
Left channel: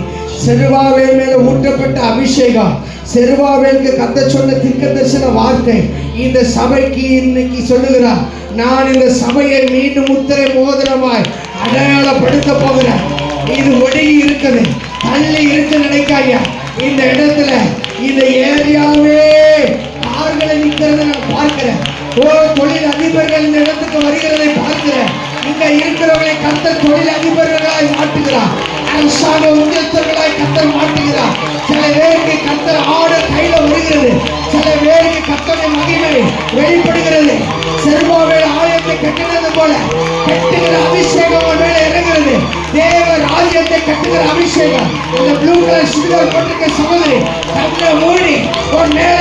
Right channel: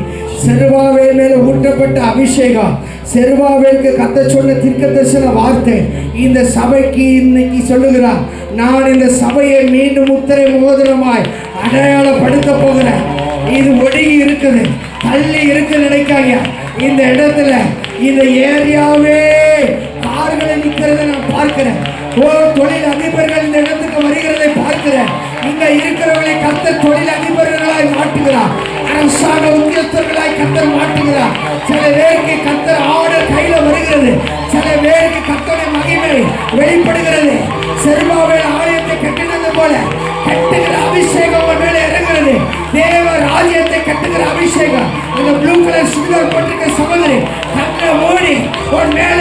செருபாபேல் மேல ஊற்றப்பட்ட அபிஷேகம், செருபாபேலுக்கு கத்த சொன்ன தீர்க்கதரிசன வார்த்தை இந்த சபைக்கு இன்னைக்கு சொல்லுகிறார். நான் இந்த சபையை மீண்டும் முத்திரை மோதிரமாய் அடையாளப்படுத்த போகிறேன். இது ஒடுங்கி இருக்குது, தள்ளி இருக்கு நினைக்காங்க. இந்த இடத்துல இந்த ஏரியாவே கார்களை நிற்கிறத நான் பார்க்கிறேன். தொழில் அதிபர்கள் இந்த இடத்துக்கு வருகிறதை பார்க்கிறேன். இங்க இருக்கிறவர்களை கர்த்தர் தொழில் அதிபர்களாய் மாற்றுகிறார், அரசாங்க உத்தியோகத்தர்களாய் கர்த்தர் மாற்றுகிறார். சில பேருக்கு கர்த்தர் ஆர்டர் கையில வருகிறது, சில பேருக்கு கர்த்தருடைய மகிமை வெளிப்படுகிறது. செருபாபேல் ஆலயத்தை கட்டினது போல கட்டுகிற அபிஷேகம் மேல இறங்குகிறது. தேவ ராஜ்யத்தை கட்டுகிற அபிஷேகம். இந்த ப்ளூ கலர் சுடிதார் போட்டிருக்க சகோதரி கண்ணை மூடி உன் மேல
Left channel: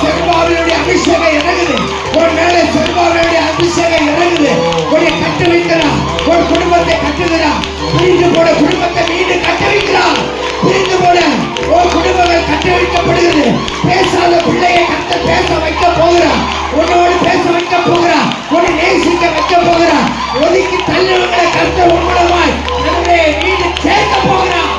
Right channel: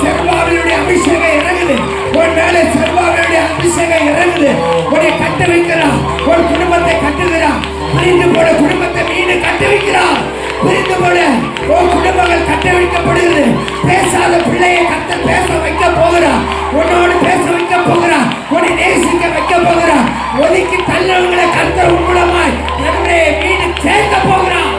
செருபாபேலுடைய அபிஷேகம் இறங்குது. உன் மேல செருபாபேலுடைய அபிஷேகம் இறங்குது. உன்னை கட்ட வைக்கிறான், உன் குடும்பத்தை கட்டுகிறான். பிரிந்து போட குடும்பத்தை மீண்டும் கட்ட வைக்கிறான். பிரிந்து போட உன் குடும்பங்கள் கட்ட வைக்கப்படுகிறது. பேசாத பிள்ளையை கத்த பேச வைக்க போகிறான். உன்னோடு பேச வைக்க போகிறான். உன்னை நேசிக்க வைக்க போகிறான். ஒதுக்கி தள்ளவங்களை கத்த மூலமாய் நம்முடைய வீடு சேர்க்க போகிறான்.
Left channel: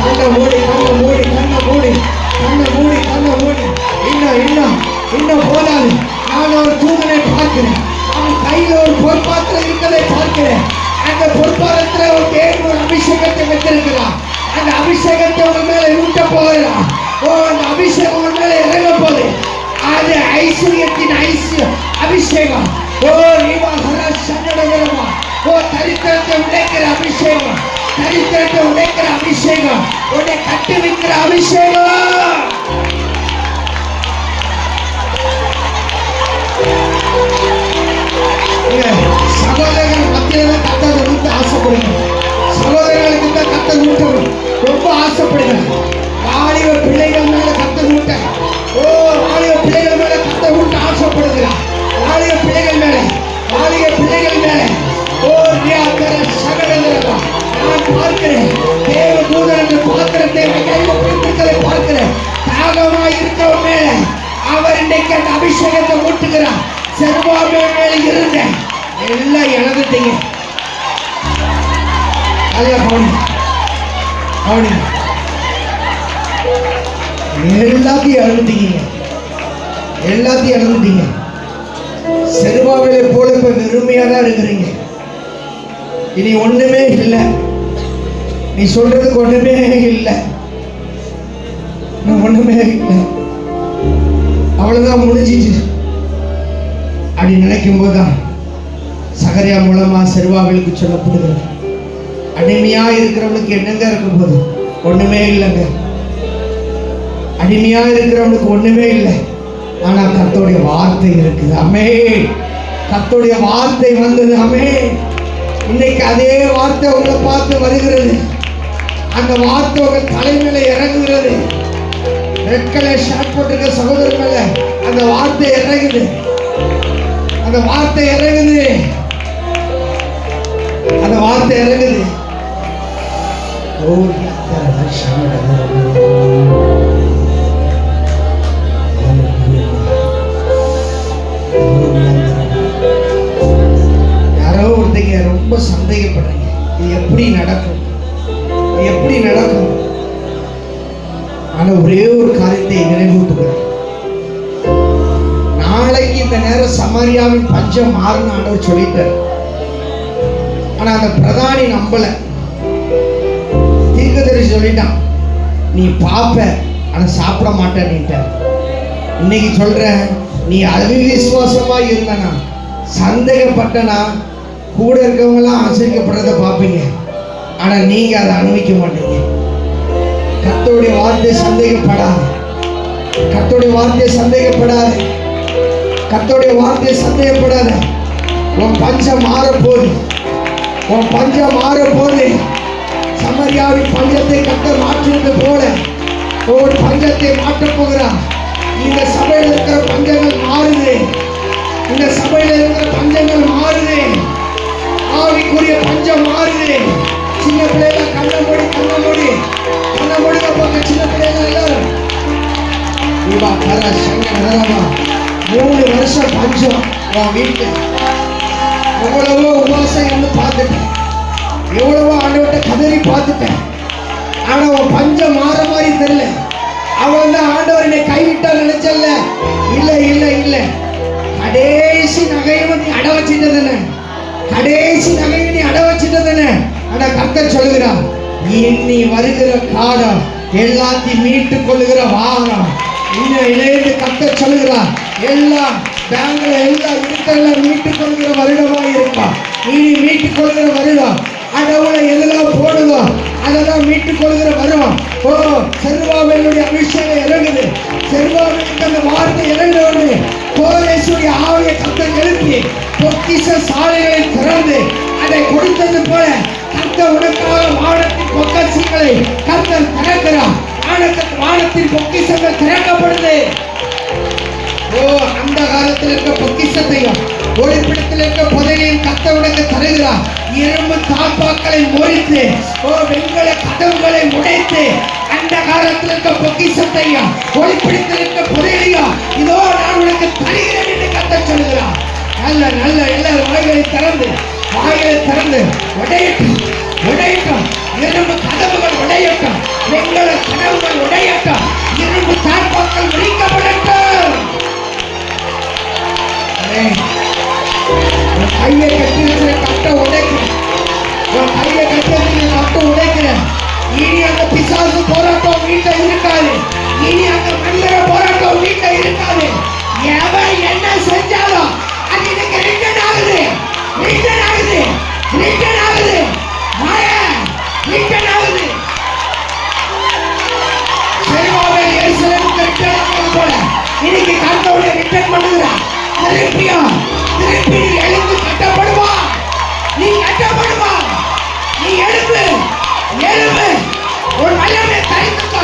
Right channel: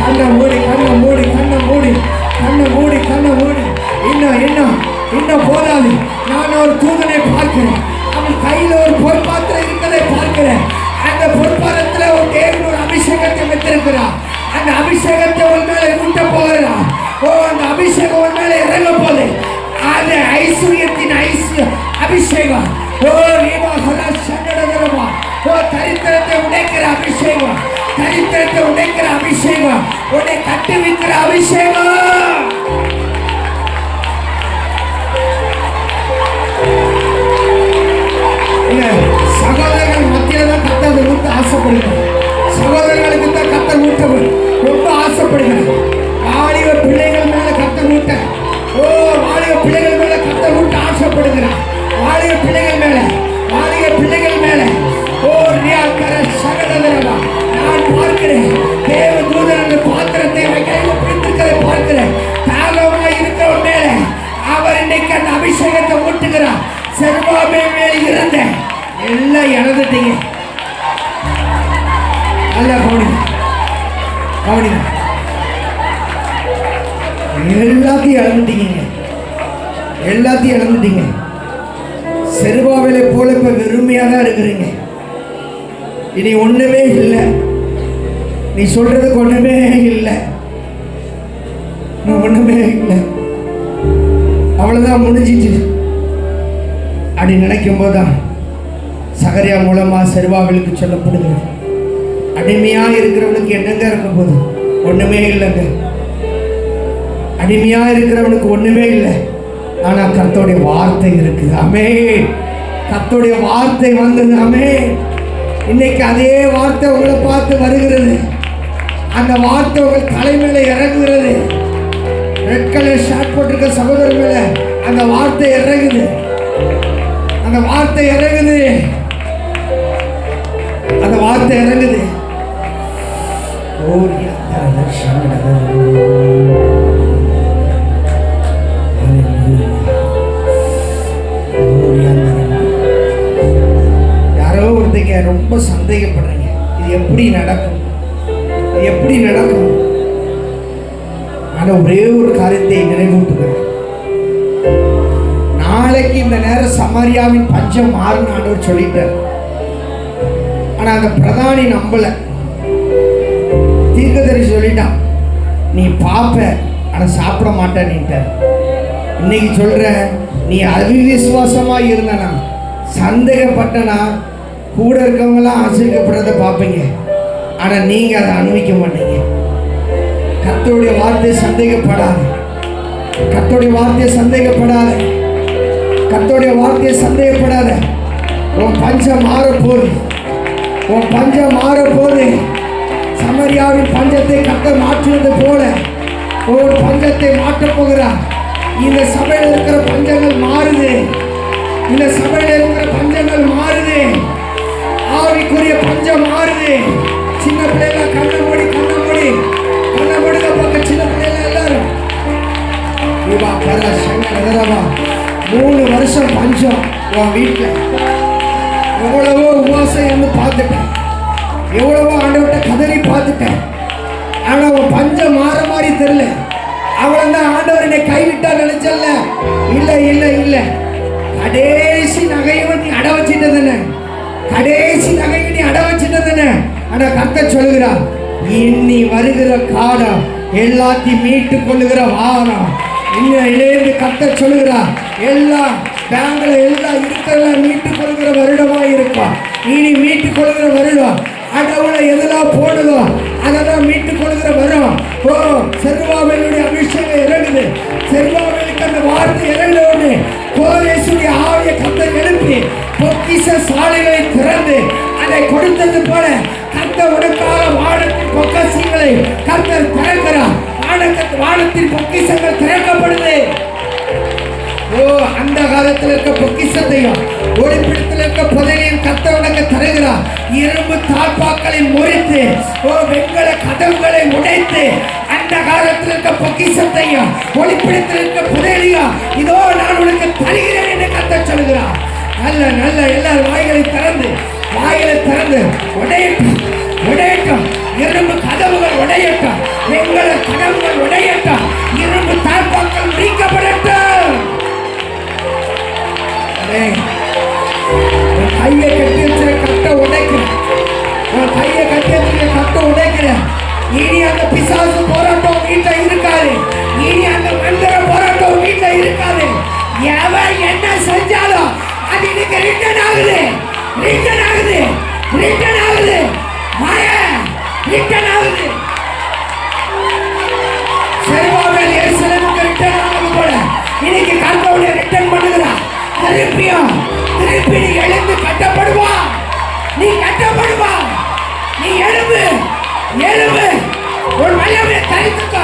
கண்ணை மூடி, கண்ணை மூடி, கண்ணை மூடி, கண்ணை மூடி, கண்ணை மூடி. இன்னும் போதாது. நான் ஒரு தூதனை பார்க்கிறேன். அவன் கையில் ஒரு பொற்பாத்திரம் இருப்பதை பார்க்கிறேன். அந்த பொற்பாத்திரத்தில் ஒரு தேவன் ஒரு அபிஷேகத்தை வைத்திருக்கிறார். அந்த அபிஷேகத்தை ஒரு மேல ஊட்ட போகிறார். அந்த அபிஷேகம் ஒரு மேல இறங்க போகுது. அது ஐஸ்வர்யத்தின் அபிஷேகம். தரித்திரத்தை உடைக்கிற அபிஷேகம், தரித்திரத்தை உடைக்கிற அபிஷேகம், உன்னை கட்டி வைக்கிற அபிஷேகம். சகோதரர்கள் மத்தியில தான் கத்தர் ஊட்ட ஆசைப்படுங்க. சகோதரர்களுக்கு தான் கத்தர் ஊட்ட ரொம்ப ஆசைப்படுங்க. வாலிப பிள்ளைகள் மேல கத்தர் ஊட்ட, வாலிப பிள்ளைகள் மேல கத்தர் ஊட்ட ஆசைப்படுகிறார். வாலிப பிள்ளைகள் மேல, வாலிப பிள்ளைகள் மேல நான் பார்க்கிறேன். தேவ தூதன் அந்த பாத்திரத்தை கையில் பிடித்திருக்கிறதை பார்க்கிறேன். தாகமாய் இருக்கிற மேல அவர் இன்னைக்கு அந்த அபிஷேகத்தை ஊட்டுகிறார். செருபாபேல் மேல இருந்த எல்லாம் இழந்துட்டீங்க. எல்லாத்தையும் இழந்துட்டீங்க, எல்லாத்தையும் இழந்துட்டீங்க. செருபாபேலை போல இப்ப வெறுமையா தான் இருக்கிறீங்க. இனி ஒண்ணுமே இல்லை, நீ சொல்றதுக்கு ஒண்ணுமே இல்லை. நான் ஒண்ணுமே இல்லை, அவ்வளவுதான் முடிஞ்சிச்சு அப்படி நினைக்கும் போதுதான் சகரியா மூலமா செருபாபேலுக்கு சொல்லப்படுகிறது, அடிமையா இருக்கிறவனுக்கு என்னங்க இருக்கும் போது ஒண்ணுமே இல்லைங்க. அடிமையா இருக்கிறவனுக்கு ஒண்ணுமே இல்லை, ஆனா கர்த்தருடைய வார்த்தை இருக்குது. ஆமென். கர்த்தருடைய வார்த்தை வந்தது. ஆமென். இன்னைக்கு அதே வார்த்தை உங்களை பார்த்து வருகிறது. அந்த வார்த்தை உங்கள் தலைமையில இறங்குகிறது. ரெட்களை ஷார்ட் போட்டிருக்க சகோதரர் மேல அந்த வார்த்தை இறங்குது. அந்த வார்த்தை இறங்குது. அந்த வார்த்தை இறங்குது. யாரோ ஒருத்தங்க ரொம்ப சந்தேகப்படுறீங்க, இது எப்படி நடக்கும், இது எப்படி நடக்கும்? ஆனா ஒரே ஒரு காரியத்தை நினைவூட்டுகிறேன். நாளைக்கு இந்த நேரம் சமாரியாவின் பஞ்சம் மாறுன்னு ஆண்டவர் சொல்லிட்டார். ஆனா அந்த பிரதானி நம்பல. தீர்க்கதரிசி சொல்லிட்டான், நீ பாப்ப ஆனா சாப்பிட மாட்டேன்னுட்ட. இன்னைக்கு சொல்ற, நீ அவிசுவாசமா இருந்தனா, சந்தேகப்பட்டனா, கூட இருக்கவங்களாம் ஆச்சரியப்படுறத பார்ப்பீங்க, ஆனா நீங்க அதை அனுபவிக்க மாட்டீங்க. கர்த்தருடைய வார்த்தை சந்தேகப்படாத, கர்த்தருடைய வார்த்தையை சந்தேகப்படாத, கர்த்தருடைய வார்த்தையை சந்தேகப்படாத. உன் பஞ்சம் மாறப்போகுது, உன் பஞ்சம் மாறப்போகுது. சமரியாவின் பஞ்சத்தை கர்த்தர் மாற்றினது போல ஒரு பஞ்சத்தை மாற்றப் போகிறார். இந்த சபையில் இருக்கிற பஞ்சங்கள் மாறுது. இந்த சபையில் இருக்கிற பஞ்சங்கள் மாறுது. ஆவிக்குரிய பஞ்சம் மாறுது. சின்ன பிள்ளைல கண்ண மூடி பக்கம் சின்ன பிள்ளைல எல்லாரும் 3 வருஷம் பஞ்சம். உன் வீட்டில் எவ்வளவோ உபவாசம் இருந்து பார்த்துட்டேன், எவ்வளவோ ஆண்டவர்கிட்ட கதறி பார்த்துட்டேன், ஆனா உன் பஞ்சம் மாற மாதிரி தெரியல. அவ்வளவுதான் ஆண்டவர் என்னை கைவிட்டா நினைச்சல. இல்லை இல்லை இல்லை, கடைசி நகையும் நீ அட வச்சிட்டதுன்னு, கடைசி நகையும் நீ அட வச்சிட்டதுன்னு. ஆனா கர்த்தர் சொல்லுகிறார், இனி வருகிற காலம் எல்லாத்தையும் மீட்டு கொள்ளுகிற வாரம். இன்னும் இணைந்து கர்த்தர் சொல்லுகிறார், எல்லாம் பேங்க்ல எல்லாம் இருக்கிறத மீட்டுக் கொள்கிற வருடமா இருக்கும். இனி மீட்டுக் கொள்கிற வருடம். அடவுல எதெல்லாம் போடுதோ அதெல்லாம் மீட்டுக் கொள்கிற வரும். ஓ, செருபாபேலுடைய அபிஷேகம் இறங்குது. செருபாபேலுக்கு அந்த வார்த்தை இறங்கினோடு கோரேசுடைய ஆவியை கர்த்தர் எழுப்பி பொக்கிஷ சாலைகளை திறந்து அதை கொடுத்தது போல கர்த்தர் உனக்காக வானத்தின் பொக்கிஷங்களை கர்த்தர் திறக்கிறார். வானத்தின் பொக்கிஷங்கள் திறக்கப்படுது. ஓ, அந்த காலத்தில் இருக்க பொக்கிஷத்தையும் ஒளிப்பிடத்தில் இருக்க புதையலையும் கர்த்தர் உனக்கு தருகிறார். இரும்பு தாப்பாக்களை முறித்து, ஓ, வெண்கல கதவுகளை உடைத்து அந்த காலத்தில் இருக்க பொக்கிஷத்தையும் ஒளிப்பிடத்தில் இருக்க புதையலையும் இதோ நான் உனக்கு தருகிறேன் என்று கர்த்தர் சொல்கிறார். நல்ல நல்ல எல்லாரும் வாய்களை திறந்து உடையட்டும், உடையட்டும். இரும்பு கதவுகள் உடையட்டும், வெண்கல கதவுகள் உடையட்டும், இரும்பு தாப்பாக்கள் உடைக்கப்படட்டும். கையை கட்டி கட்ட உடைக்கிறேன், கையை கட்டி கட்ட உடைக்கிறேன். இனி அந்த பிசாசு போராட்டம் வீட்டில் இருக்காது. இனி அந்த மந்திர போராட்டம் வீட்டில் இருக்காது. எவன் என்ன செஞ்சாலும் அது எனக்கு ரிட்டர்ன் ஆகுது, ரிட்டர்ன் ஆகுது, ரிட்டர்ன் ஆகுது, ரிட்டர்ன் ஆகுது. செருபாபேல் எருசலேமுக்கு ரிட்டர்ன் ஆகுது போல இன்னைக்கு கர்த்தருடைய ரிட்டர்ன் பண்ணுகிறார். திருப்பியும் திருப்பி நீ எழுந்து கட்டப்படுவா, நீ கட்டப்படுவா, நீ எழுந்து எழுந்து ஒரு வல்லமையை தரித்துக்கோ.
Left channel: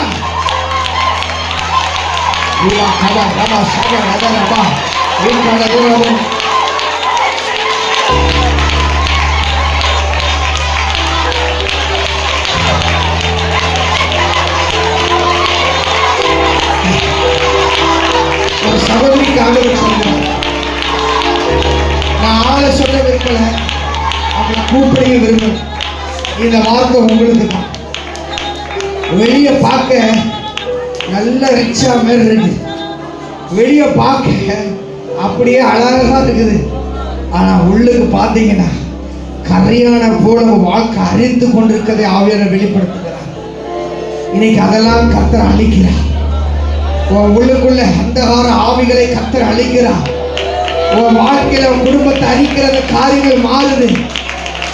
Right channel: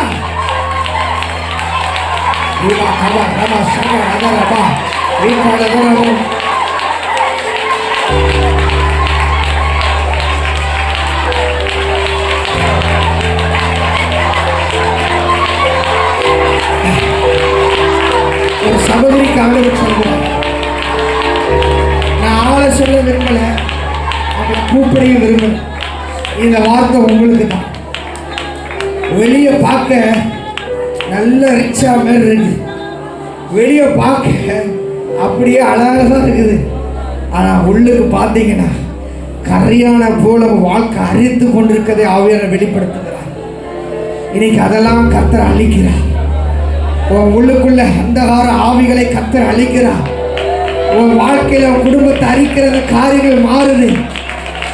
ஒரு சகோதரிக்காக சொல்லுவேன், நான் ஆளை சொல்ல விரும்பல, அப்படி கூப்பிடைய விரும்பல. இந்த வார்த்தை உங்களுக்கு தான். வெளியே பார்க்க நல்ல ரிச்சா மாதிரி இருக்கு, வெளியே பார்க்க அப்படியே அழகா இருக்குது, ஆனா உள்ளுக்கு பார்த்தீங்கன்னா கரையான போல வாழ்க்கை அறிந்து கொண்டிருக்கதை ஆவியானவர் வெளிப்படுத்துகிறார். இன்னைக்கு அதெல்லாம் கர்த்தர் அழிக்கிறார். உன் உள்ளுக்குள்ள அந்தகார ஆவிகளை கர்த்தர் அழிக்கிறார். உன் வாழ்க்கையில உன் குடும்பத்தை அழிக்கிற அந்த காரியங்கள் மாறுது.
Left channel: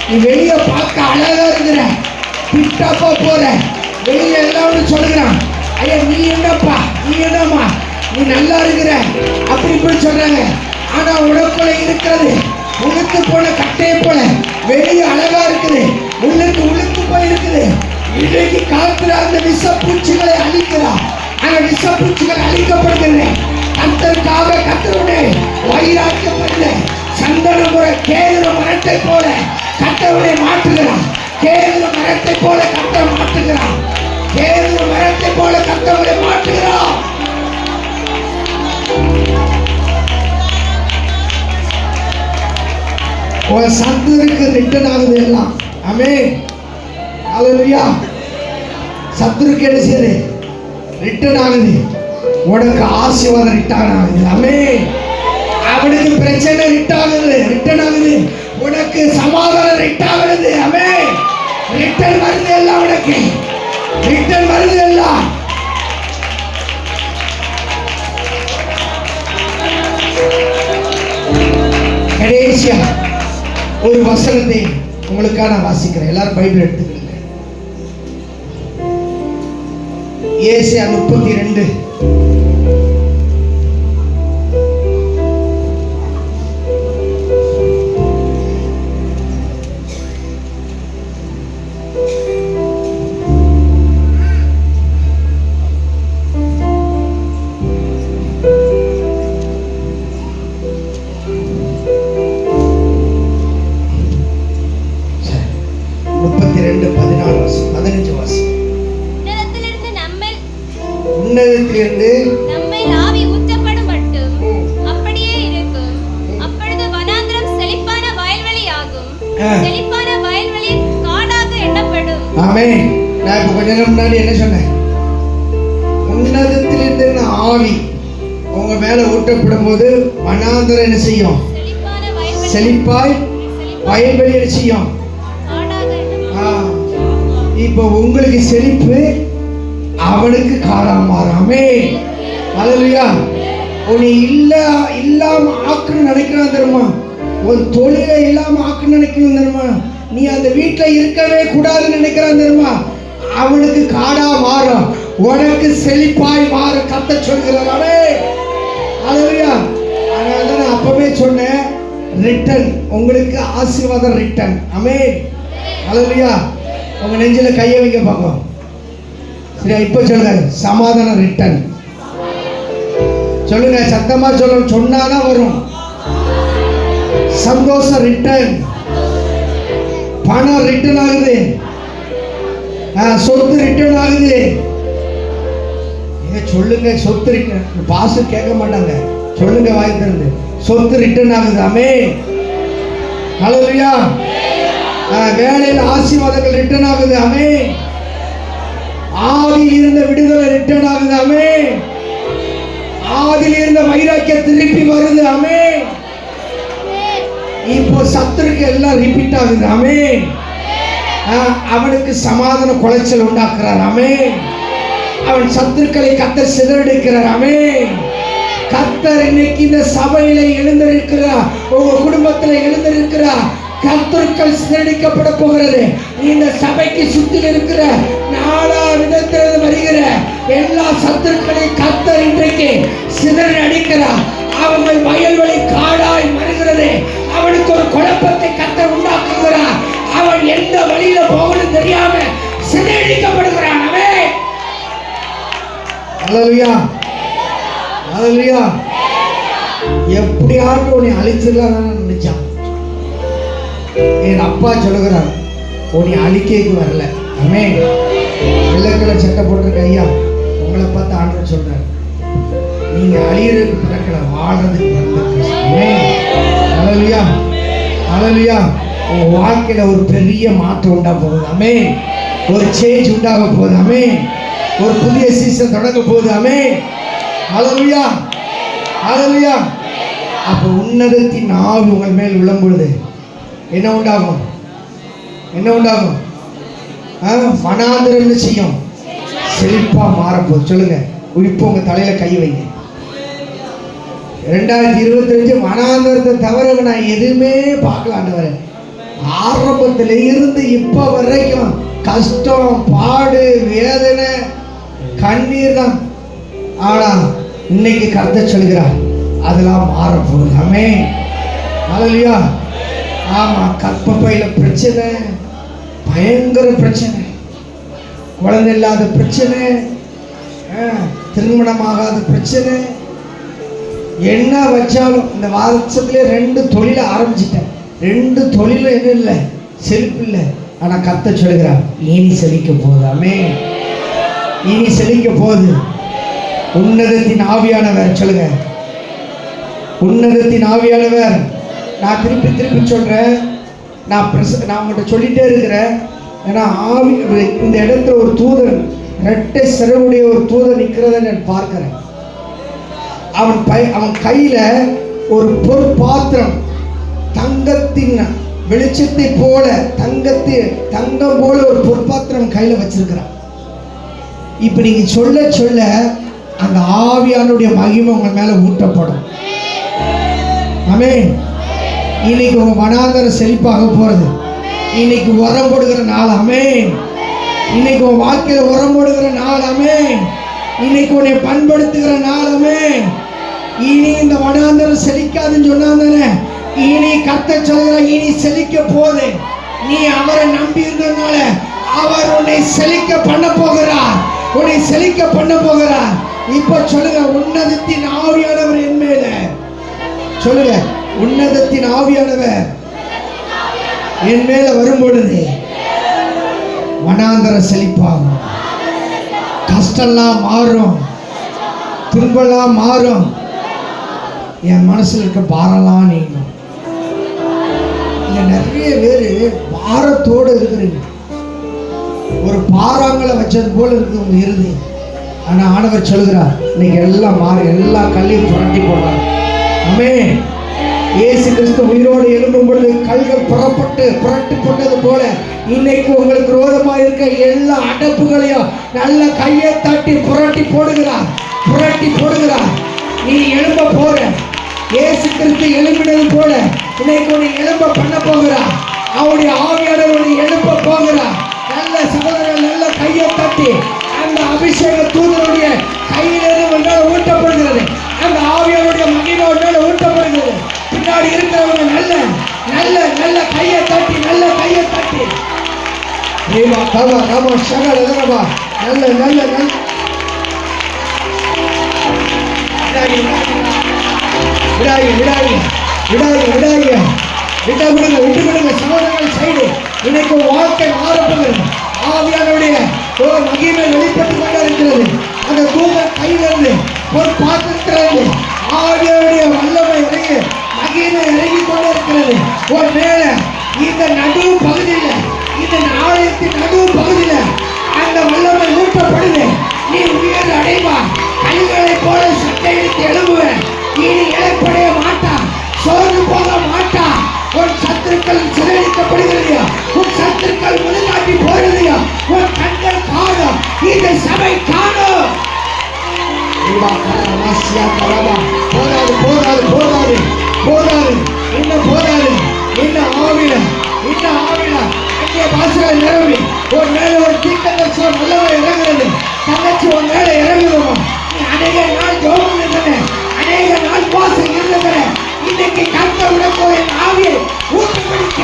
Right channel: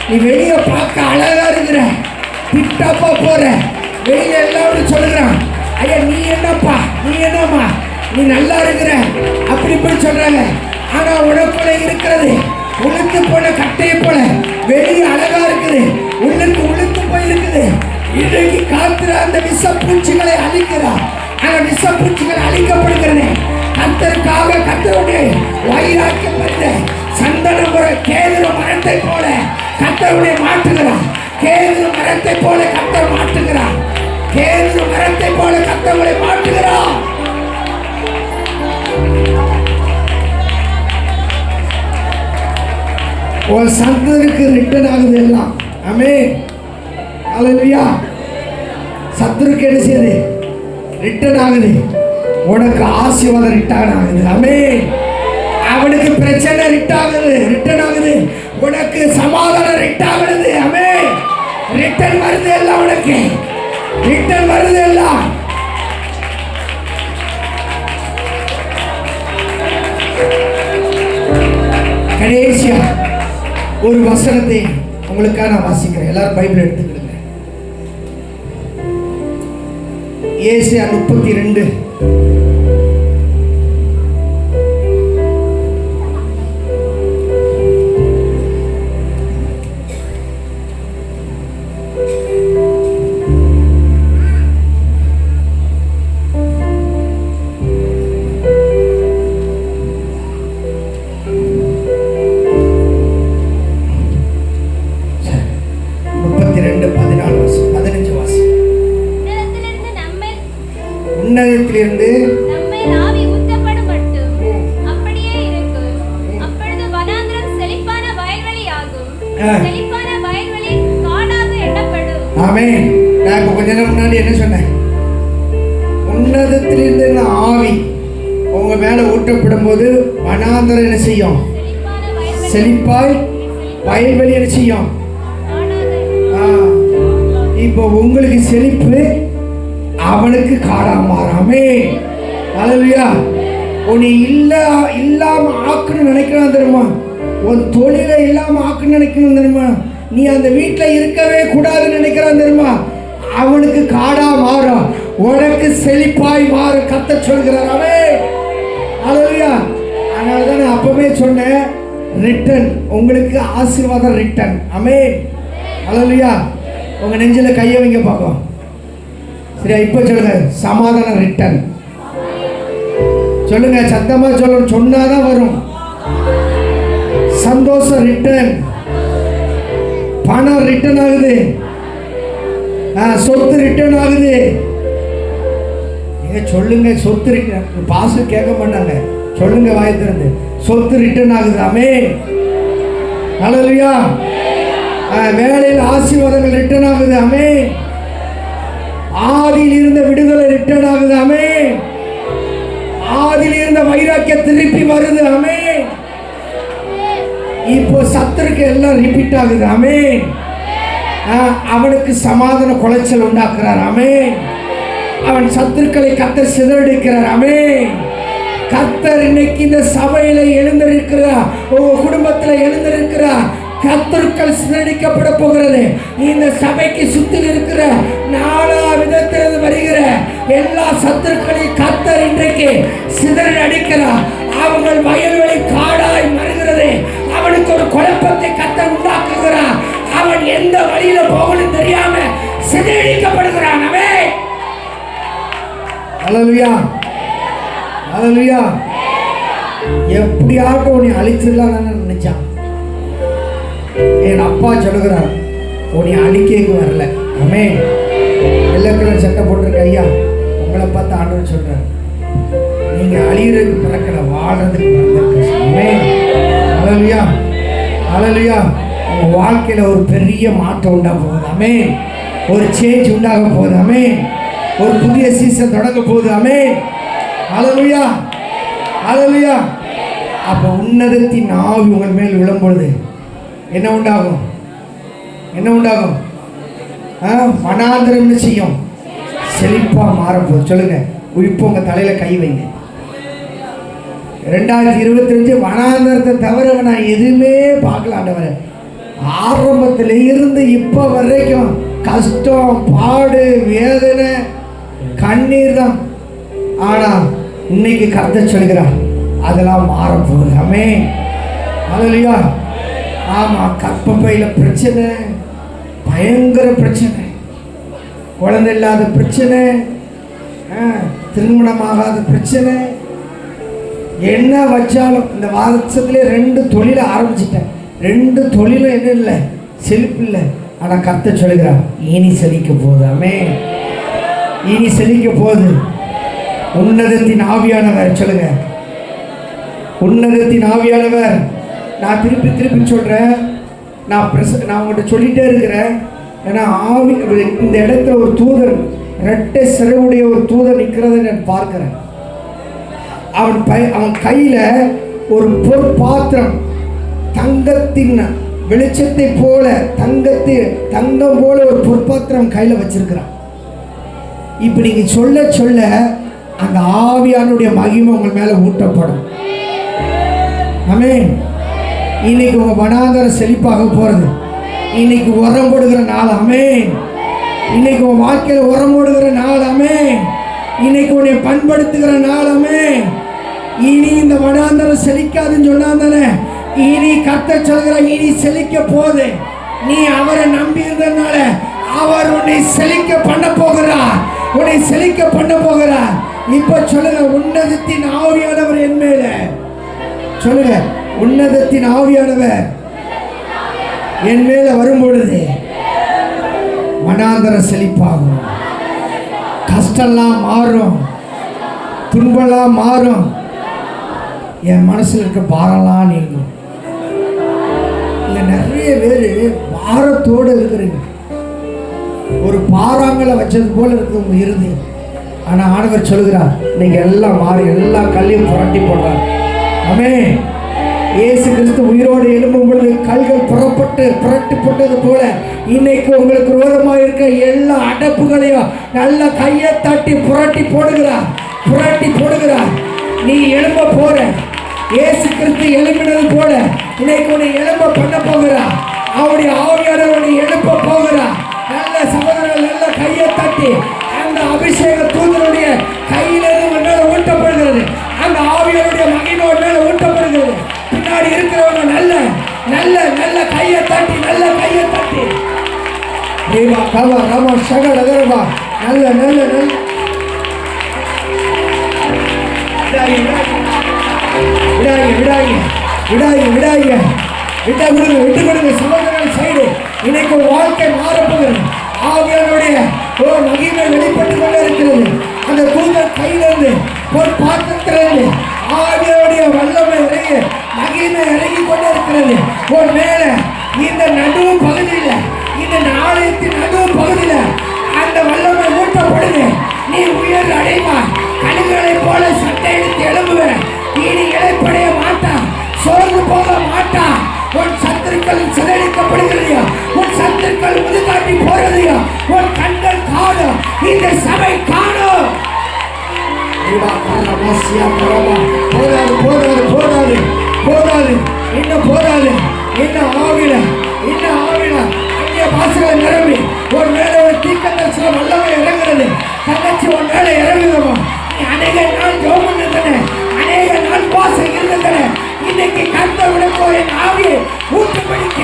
நீ வெளியே பார்க்க அழகா இருக்கிற, பிட்டாப்பா போற, வெளியில எல்லாம் சொல்லுறான், ஐயா நீ என்னப்பா, நீ என்னம்மா, நீ நல்லா இருக்கிற அப்படி போய் சொல்றாங்க. ஆனா உனக்குள்ள இருக்கிறது உளுத்து போல கட்டையை போல வெளியே அழகா இருக்குது, உள்ளுக்கு உளுத்து போய் இருக்குது. இன்றைக்கு காத்துல அந்த விஷப்பூச்சிகளை அழிக்கிறார். அந்த விஷப்பூச்சிகள் அழிக்கப்படுகிறது. கர்த்தருக்காக கர்த்தருடைய வைராக்கியம் வருது. சந்தன கேதுரு மரத்தை போல கர்த்தருடைய மாற்றுகிறார். கேதுரு மரத்தை போல கர்த்தர் மாற்றுகிறார். கேதுரு மரத்தை போல கர்த்தருடைய மாற்றுகிறார். ஒரு சத்துருக்கு ரிட்டர்ன் ஆகுது எல்லாம். ஆமென். ஹல்லேலூயா. சத்துருக்கு என்ன செய்யுது? ரிட்டர்ன் ஆகுது. உனக்கு ஆசீர்வாதம் ரிட்டர்ன் ஆகுது. ஆமென். அவனுக்கு பிரச்சனை ரிட்டர்ன் ஆகுது. உனக்கு சமாதானம் ரிட்டர்ன் ஆகுது. ஆமென். ரிட்டர்ன் வருது எல்லாம், உனக்கு ரிட்டர்ன் வருது எல்லாம். கடைசியா ஒரு வசனத்தை உங்களுக்காக நான் வாசிக்கிறேன். எல்லாரும் பைபிள் எடுத்துக்கிடுங்க. ஏசாயா 32 உன்னதத்திலிருந்து நம்மை ஆவி ஊற்றப்படும் மட்டும் அப்படியே இருக்கும். அப்பொழுது வனாந்தரம் செழிப்பான வயல்வெளியாகும். செழிப்பான வயல்வெளி காடாக எண்ணப்படும். ஆமென். நான் இப்ப கொஞ்ச நேரம் முன்னாடி என்ன சொன்னேன்? உன்னதத்திலிருந்து ஆவி உங்க மேல ஊற்றப்படும் போது வனாந்தரம் என்ன செய்யும்? செழிப்பாய் வயல்வெளி என்ன செய்யும்? இப்போ உங்களுக்கு செழிப்பு, அவனுக்கு காடா மாறாமே. ஹல்லேலூயா. உன்னை இல்லாம ஆக்கணும்னு நினைக்கிறான் தெரியுமா? ஒரு தொழிலை இல்லாம ஆக்கணும்னு நினைக்கணும் தெரியுமா? நீ அந்த வீட்டில் இருக்கவே கூடாதுன்னு நினைக்கிறான் தெரியுமா? அவனுக்கு காடா மாறும், உனக்கு செழிப்பாய் மாறும். கர்த்தர் சொல்கிறார். ஆமென். ஹல்லேலூயா. அதனால தான் நான் அப்பவே சொன்னேன், ரிட்டர்ன், உங்களுக்கு ஆசீர்வாதம் ரிட்டர்ன். ஆமென். ஹல்லேலூயா. உங்க நெஞ்சில கையை வைங்க பார்ப்போம். சரியா? இப்ப சொல்லுங்க, சமாதானம் ரிட்டர்ன். சொல்லுங்க, சத்தமா சொல்லணும், சொன்னாதான் வரும். சந்தோஷம் ரிட்டர்ன், பணம் ரிட்டர்ன் ஆகுது, சொத்து ரிட்டர்ன் ஆகுது. நீங்க சொல்லுங்க, சொத்து ரிட்டர்ன். பாஸ்டர் கேட்க மாட்டாங்க, சொல்லுங்க வாய் திறந்து, சொத்து ரிட்டர்ன் ஆகுது. ஆமென். ஹல்லேலூயா. வேலையில் ஆசீர்வாதங்கள் ரிட்டர்ன் ஆகுது. ஆமென். ஆதியில் இருந்த விடுதலை ரிட்டர்ன் ஆகுது. ஆமென். ஆதியில் இருந்த வைராக்கியம் திருப்பி வருது. ஆமென். இப்போ சத்துருக்கு எல்லாம் ரிப்பீட் ஆகுது. ஆமென். அவனுக்கு சமாதான குலைச்சல் உண்டாக்குறார். ஆமென். அவன் சத்துருக்களை கர்த்தர் சிதறடிக்கிறார். ஆமென். கர்த்தர் இன்னைக்கு இந்த சபையில எழுந்திருக்கிறார், உங்க குடும்பத்தில் எழுந்திருக்கிறார். கர்த்தர்கள் சிதறடிக்கப்பட போகிறது. இந்த சபைக்கு சுத்தி இருக்கிற நாலா விதத்திலிருந்து வருகிற எல்லா சத்துருக்களையும் கர்த்தர் இன்றைக்கு சிதறி அடிக்கிறார். அவங்கள் வயல்வெளி காடாய் மறுகிறது. அவனுக்கு ஒரு குழப்பத்தை கர்த்தர் உண்டாக்குகிறார். அவன் எந்த வழியில போகணும் தெரியாம சிதறடிக்கப்படுகிறான். ஆமென். ஹல்லேலூயா. ஹல்லேலூயா. எப்படியாவது உன்னை அழிச்சிடலாம் நினைச்சான். என் அப்பா சொல்லுகிறார், உன்னை அழிக்கைக்கு வரல. ஆமென். வெள்ளை கலர் சட்டை போட்டிருக்க ஐயா, உங்களை பார்த்து ஆண்டவர் சொல்றார், நீங்க அழியறதுக்கு பிறக்கல, வாழ்றதுக்கு பிறந்திருக்கு. ஆமென். ஹல்லேலூயா. ஹல்லேலூயா. உங்க வாழ்க்கையில ஒரு பெரிய மாற்றம் உண்டாக போகுது. ஆமென். ஒரு சேஞ்ச் உண்டாக போகுது. ஆமென். ஒரு புதிய சீசன் தொடங்க போகுது. ஆமென். ஹல்லேலூயா. ஹல்லேலூயா. அப்ப உன்னதத்தின் ஆவி உங்கள் மேல் விழும்பொழுது என்ன உண்டாகும்? என்ன உண்டாகும்? வனாந்தரம் என்ன செய்யும்? செழிப்பா மாறப்போகுது. சொல்லுங்க, இப்போ உங்க தலையில கை வைங்க. 2025 வனாந்தரத்தை தவிர நான் எதுவுமே பார்க்கல ஆண்டவரே. ஆரம்பத்தில் இருந்து இப்போ வரைக்கும் கஷ்டம், பாடு, வேதனை, கண்ணீர் தான். ஆனா இன்னைக்கு கர்த்தர் சொல்கிறார் அதெல்லாம் மாறப்போகுது. ஆமென். ஹல்லேலூயா. ஆமா, கர்ப்பப்பையில பிரச்சனை, பயங்கர பிரச்சனை, குழந்தை இல்லாத பிரச்சனை, திருமணமாகாத பிரச்சனை, என்ன வச்சாலும் இந்த வருஷத்துலேயே 2 தொழிலை ஆரம்பிச்சிட்டேன். 2 தொழிலும் என்ன இல்லை, செழிப்பு இல்லை. ஆனால் கர்த்தர் சொல்கிறார் இனி செழிக்க போகுது. ஆமென். இனி செழிக்க போகுது. உன்னதத்தின் ஆவியானவர் சொல்லுங்க, உன்னதத்தின் ஆவியானவர். நான் திருப்பி திருப்பி சொல்கிறேன், நான் உங்கள்கிட்ட சொல்லிகிட்டே இருக்கிறேன். ஏன்னா ஆவி இந்த இடத்துல ஒரு தூதர், ரெட்டை சிறவுடைய ஒரு தூதர் நிற்கிறத நான் பார்க்குறேன். அவன் கையில் ஒரு பொற்பாத்திரம், தங்கத்தின் வெளிச்சத்தை போல, தங்கம் போல ஒரு பொற்பாத்திரம் கையில் வச்சிருக்கிறான். இப்போ நீங்கள் சொல்ல சொல்ல அந்த ஆவியானுடைய மகிமை உங்கள் மேலே ஊட்டப்படும். ஆமென். இன்னைக்கு உங்க வனாந்தரம் செழிப்பாக போறது. இன்னைக்கு உரம் போடுகிற நாள். ஆமென். இன்னைக்கு உன் வாழ்க்கையில உரம் போடுகிற நாள். ஆமென். இன்னைக்கு உன்னை பண்படுத்துகிற நாள். ஆமென். இனி இந்த வனாந்தரம் செழிக்காதுன்னு சொன்னாங்க. இனி கர்த்தர் சொல்கிற இனி செழிக்க போகுது. நீ அவரை நம்பி இருந்ததுனால அவர் உன்னை செழிக்க பண்ண போகிறார். உன்னை செழிக்க பண்ண போகிறார். இப்போ சொல்லுங்க, உன்னதத்தின் ஆவியானவர் என் மேல. சொல்லுங்க, உன்னதத்தின் ஆவியானவர் என் மேல வரும் பொழுது வனாந்தரம் செழிப்பாகும். கஷ்டம்லாம் மாறும், துன்பம்லாம் மாறும், என் மனசுல இருக்க பாரம்லாம் நீங்கும். இங்க நிறைய பேர் பாரத்தோடு இருக்கிறீங்க. ஒரு பாறாங்களை வச்சது போல இருக்குது உங்க இறுதி. ஆனா ஆண்டவர் சொல்கிறார் நீங்க எல்லாம் மாறி எல்லா கல்லையும் புரட்டி போடுறார். ஆமென். இயேசு கிறிஸ்து உயிரோடு எழும்பும் பொழுது கல்கள் புரட்டி போட்டது போல இன்னைக்கு உங்களுக்கு விரோதமாக இருக்க எல்லா அடப்புகளையும் நல்ல கையை தட்டி புரட்டி போடுகிறார். நீ எழும்ப போற. இயேசு கிறிஸ்து எழுப்பினது போல இன்னைக்கு உன்னை எழும்ப பண்ண போகிறார். அவருடைய ஆவியானவரை எழுப்ப போகிறார். நல்ல சகோதரர்கள் நல்ல கையை தட்டி அந்த அபிஷேக தூதனுடைய கையிலிருந்து ஊட்டப்படுகிறது. அந்த ஆவியாருடைய மகிமை மேல ஊட்டப்படுகிறது. பின்னாடி இருக்கிறவங்க நல்ல நல்ல நல்ல கையை தட்டி தேவா காமா ராமா சகல தேவா நல்ல நல்ல நல்ல விட்டு கொடுங்க சகோதரர்கள் சைடு. இன்னைக்கு வாழ்க்கை மாறப்போகிறது. ஆவியாருடைய ஒரு மகிமை வெளிப்பட்டு கொண்டு இருக்கிறது. அந்த தூதர் கையிலிருந்து ஒரு பாத்திரத்திலிருந்து ஆவியாருடைய வல்லமை இறங்கி மகிமை இறங்கி கொண்டு இருக்கிறது. ஒரு மேல இந்த நடுவு பகுதியில், இந்த ஆலயத்தின் நடுவு பகுதியில் அந்த வல்லமை ஊட்டப்படுது. நீ உயர் அடைவா. கழுகுகளை போல சட்டையிட்டு எழும்புவேன். இனி இழைப்படைய மாட்டான், சோர்ந்து போக மாட்டான். உன் சத்துருக்கள் சிதறடிக்கப்படுகிறதையோ, உன் சத்துருக்கள் முதுகாட்டி போகிறதையோ உன் கண்கள் காணும். இந்த சபை காணும். போதாது போதாது போதாது போதாது, இன்னும் போதாது. இன்னும் ஆவில அங்கே பாசுகள் நிரம்பி ஒரு மேல ஒரு தீக்கதர்சன வல்லமை இறங்குறது. தங்கச்சி உன் மேல இறங்குதுமா. நீ அநேக நாள் ஜெபம் இருந்தன, அநேக நாள் பாசம் இருந்தன. இன்னைக்கு கர்த்தர் உனக்கு என் ஆவியை ஊட்டமடிக்க,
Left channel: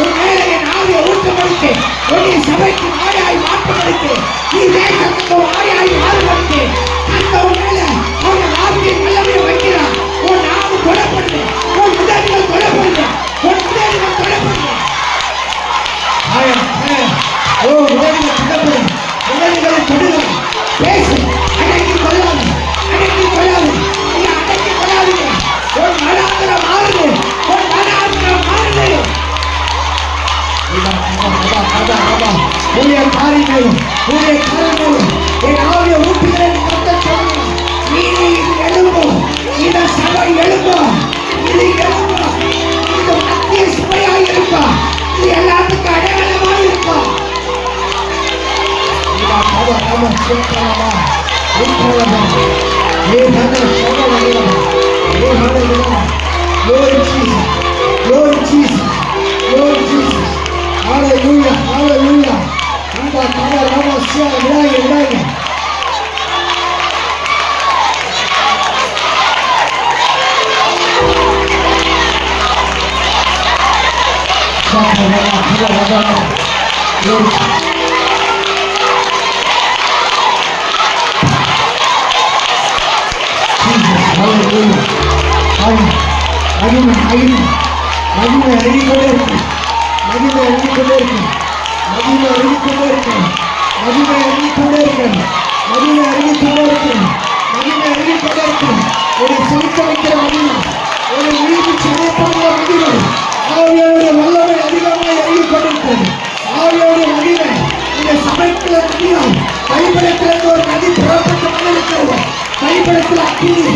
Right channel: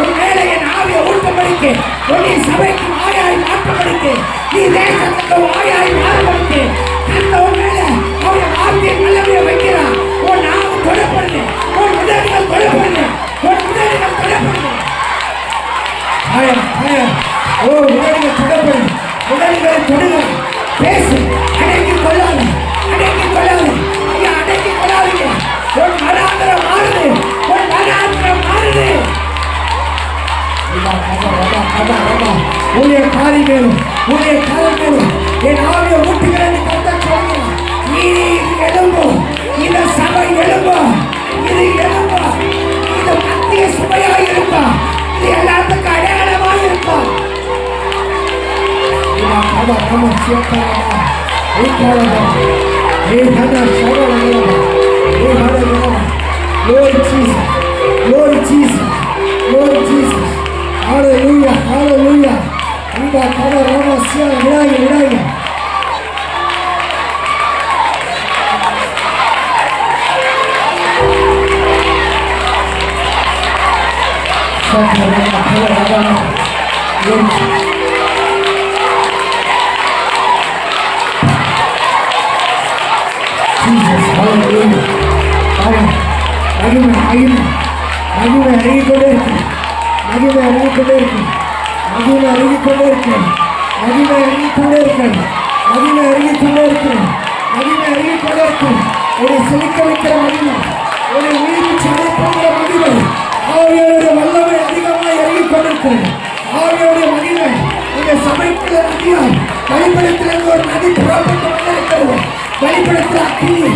உன் மேல என் ஆவியை ஊட்டமடிக்க, உன்னை சபைக்கு ஆயாய் மாற்றமடிக்க, நீ தேசத்துக்கு ஆயாய் மாறுமடிக்க. கர்த்தர் உன் மேல அவன் ஆவியை வல்லமையை வைக்கிறான். உன் நாவு தொடப்படுது, உன் உதடுகள் தொடப்படுது, உன் உதடுகள் தொடப்படுது. ஓ உதடுகள் தொடப்படுது, உதடுகளை தொடுகள். பேசு, அடங்கி கொள்ளாது, அடங்கி கொள்ளாது, அடங்கி கொள்ளாதீங்க. உன் மனாந்தரம் மாறுது, உன் மனாந்தரம் மாறுது. உடைய காரி மேலும் உடைய காலம் மேலும் என் ஆவியை ஊட்டுகிறேன். நீ எழும்பும், இந்த சபை எழும்பும், இது எழும்பும், இது மத்திய சபையாக இருக்கும், இது எல்லாத்துக்கும் அடையாளமாக இருக்கும். Lord Jesus, Lord Jesus, Lord Jesus. Hallelujah, hallelujah. Rama kama rama sia raya. Saka rama kila rama. Lord Jesus. Jesus, hallelujah. மகிமை அருகிக்கொண்டே இருக்கு. மகிமை அருகிக்கொண்டே இருக்கு. மகிமை அருகிக்கொண்டே இருக்கு. மகிமை அருகிக்கொண்டே இருக்கு. மகிமை அருகிக்கொண்டே இருக்கு. மகிமை அருகிக்கொண்டே இருக்கு. உன்னை செழிக்க வைக்கிற மகிமை, உன்னை உயிர்ப்பு செய்யப்படுகிற மகிமை, ஆவியாருடைய வல்லமை அதிகமாக இறங்கிக்கொண்டிருக்கிறது. ஆவியாருடைய மகிமை உன்னை சமைக்கிற மகிமை, கைப்பிடத்திலிருந்து ஒரு நதி புறப்பட்டு கொண்டிருக்கிறது. கைப்பிடத்தில் அக்கினி